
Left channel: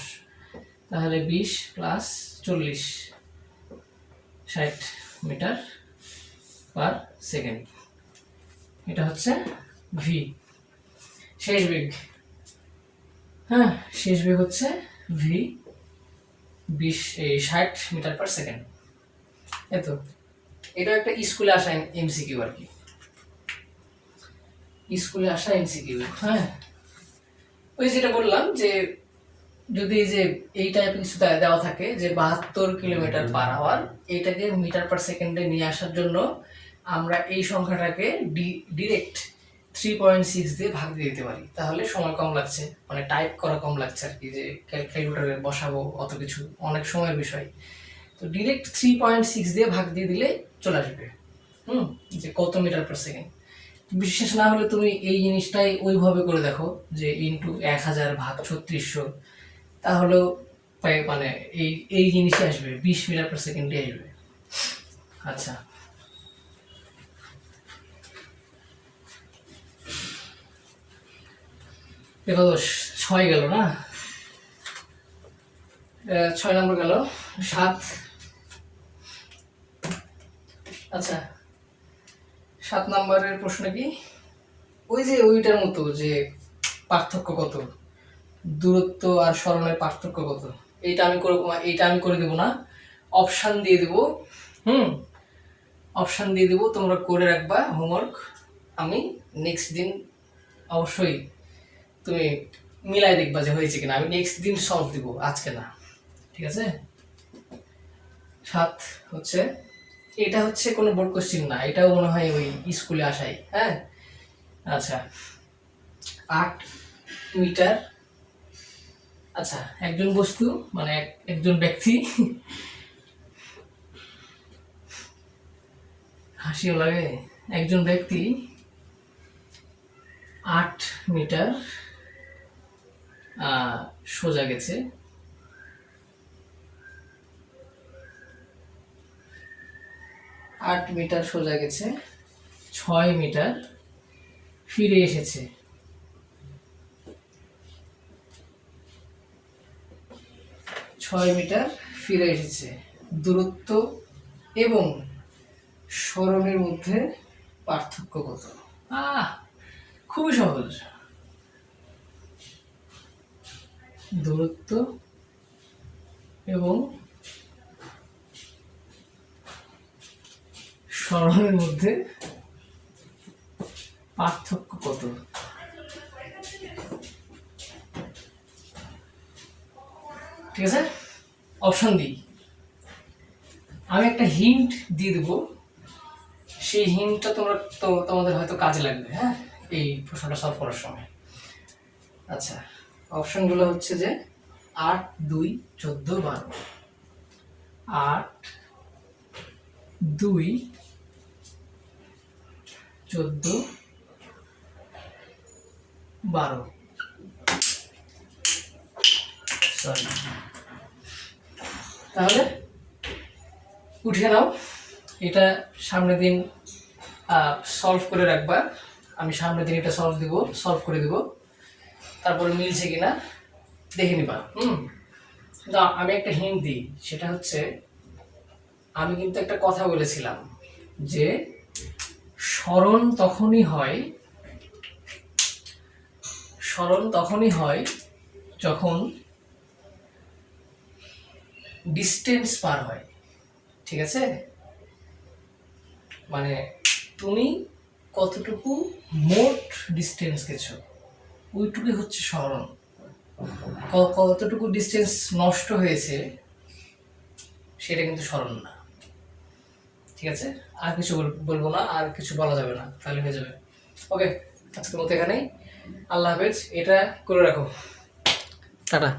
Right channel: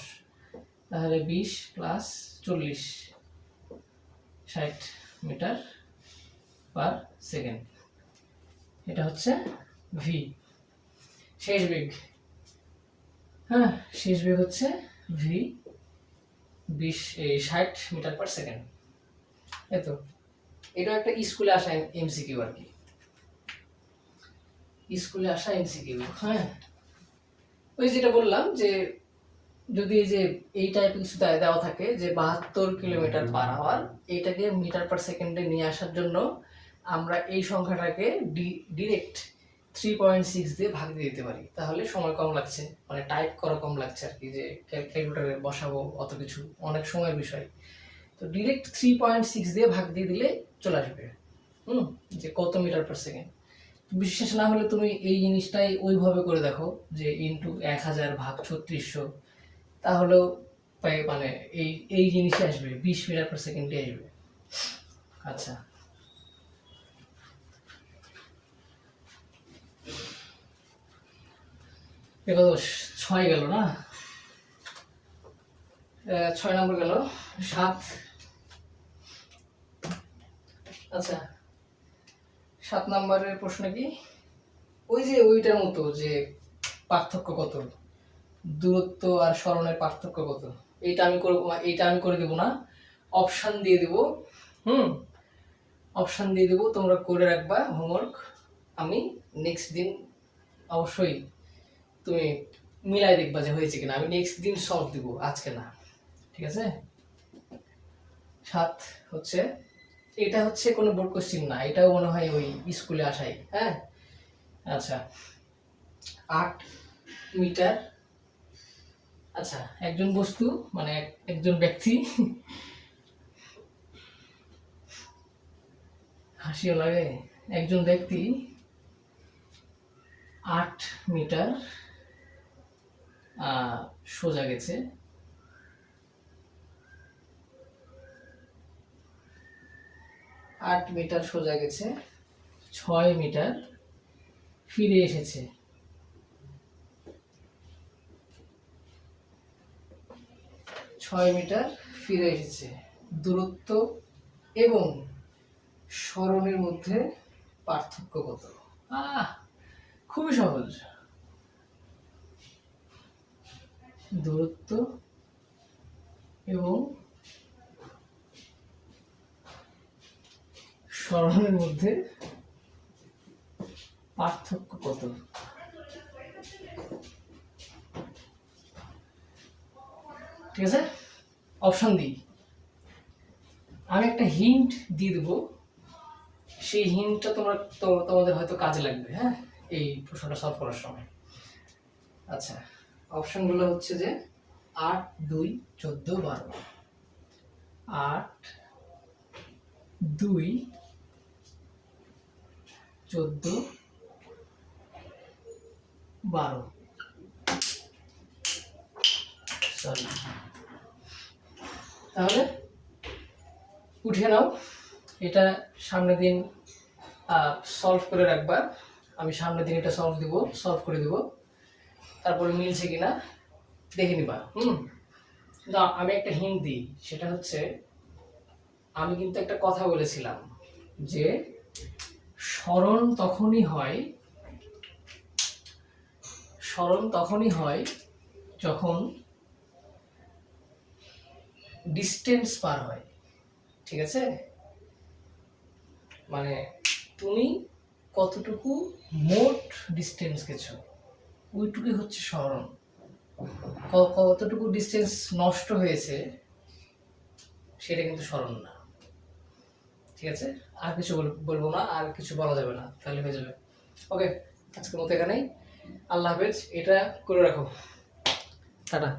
তাহলে 20 প্লাস 40, 60 মিটার পার সেকেন্ড। এটা হচ্ছে ভি, শেষ বেগ। হ্যাঁ, শেষ বেগ হচ্ছে ভি 60 মিটার পার সেকেন্ড। এতো এটা একটা স্কুলে আসা এমসিকিউ আর কি, স্কুলে আসা এমসিকিউ। হ্যাঁ, ওই যেটা বললাম যে যদি এই যে এই টাইপের কিছু দেওয়া থাকে যে 72 কিলোমিটার পার আওয়ার, এইটাকে মিটার পার সেকেন্ডে নিয়ে আসার জন্য আমরা এই সংখ্যাটাকে ডিরেক্ট 3.6 দিয়ে ভাগ দিয়ে দিতে পারি, তাহলে সময় কম লাগছে, মানে টাইপ করা কম লাগছে আর কি, যে ক্যালকুলেটরে বসাবো অত কিছু, অনেক সময়ের বিষয়। তো ডিরেক্ট 3.6 দিয়ে ভাগ দিয়ে দিলে চলে আসবে যে কত মিটার পার সেকেন্ড। বিশ্বাস না হলে তুমি এই জিনিসটাই ওইভাবে করে দেখো যে ইন্টু 1000 ভাগ 3600, তাহলেও মানে এই এই জিনিসই আসবে, 20 মিটার পার সেকেন্ডে আসবে। আচ্ছা, এবার 6 গেল না, 6 নম্বর গেল, 7। আচ্ছা, 7 নম্বরের প্রশ্ন কি? ওই যে ওইটার মতো যে পার্থক্য কত, দূরত্ব আর সরণের পার্থক্য কত, এইটা আমি করব, এইটা আমি করে দেব না, অপশান দিয়ে দেব। অপশান দিয়ে দেব, তোমরা করে রাখবা হোমওয়ার্ক। আমি নেক্সট দিন অবশ্যই তুমি মিলাই দেখবা যে হয়েছে কিনা, আমি নেক্সট দিন সলভ দিব, আজকে না, ঠিক আছে? 7 হচ্ছে, এটা হচ্ছে কোনো বোর্ড কোশ্চেন না, এটাও মনে হয় ওই স্কুলে আসাই। হ্যাঁ, আচ্ছা, 8 মিটার। আচ্ছা, একজন বস্তু মানে একজন ব্যক্তি, হাসিও লাগে, একজন ব্যক্তি 8 মিটার সোজা গেছে, 8 মিটার সোজা গেছে, 6 মিটার ফিরে এসেছে। 6 মিটার ফিরে এসেছে, দূরত্ব এবং সরণের মধ্যে পার্থক্য কত? খুবই সহজ, দূরত্ব এবং সরণের মধ্যে পার্থক্য কত? ঠিক আছে, অপশন দিই, আমি একটা হিন্ট দিয়ে দেবো, সেই হিন্টটা তোমরা তোমাদের হয়তো কাজে লাগবে, হ্যাঁ, এই প্রশ্নটা সলভ করার সময়। আচ্ছা, অপশনগুলো হচ্ছে যে 8, 2, 14, 12। 8, 2, 14, 12। সরি, তাহলে উঠিয়ে নাও, এটা সামনের দিন সলভ করে রাখবা, আমি সামনের দিন এটা সলভ করে দিব, তারপরে মিলছে কিনা দেখে নিবা। আমি একটা হিন্ট দিই, সেটা হচ্ছে আমি কিন্তু একটা কথা বলেছিলাম যে সরণ তখনই হয় যখন ডিস্টেন্স পার হয়, ঠিক আছে? মানে তুমি কতটুকু মোট ডিস্টেন্স গেছো ওইটুকুই হচ্ছে স্মরণ। কতটুকু ডিস্টেন্স নষ্ট হয়েছে সেটা কিন্তু স্মরণ না, ঠিক আছে? আর কিছু বলবো না, আর কিছু বলা যাবে না, তাহলে হয়ে যাবে। ওকে, আজকের মতো এখানেই। আল্লাহ হাফেজ। এটা করে রাখো। টাটা।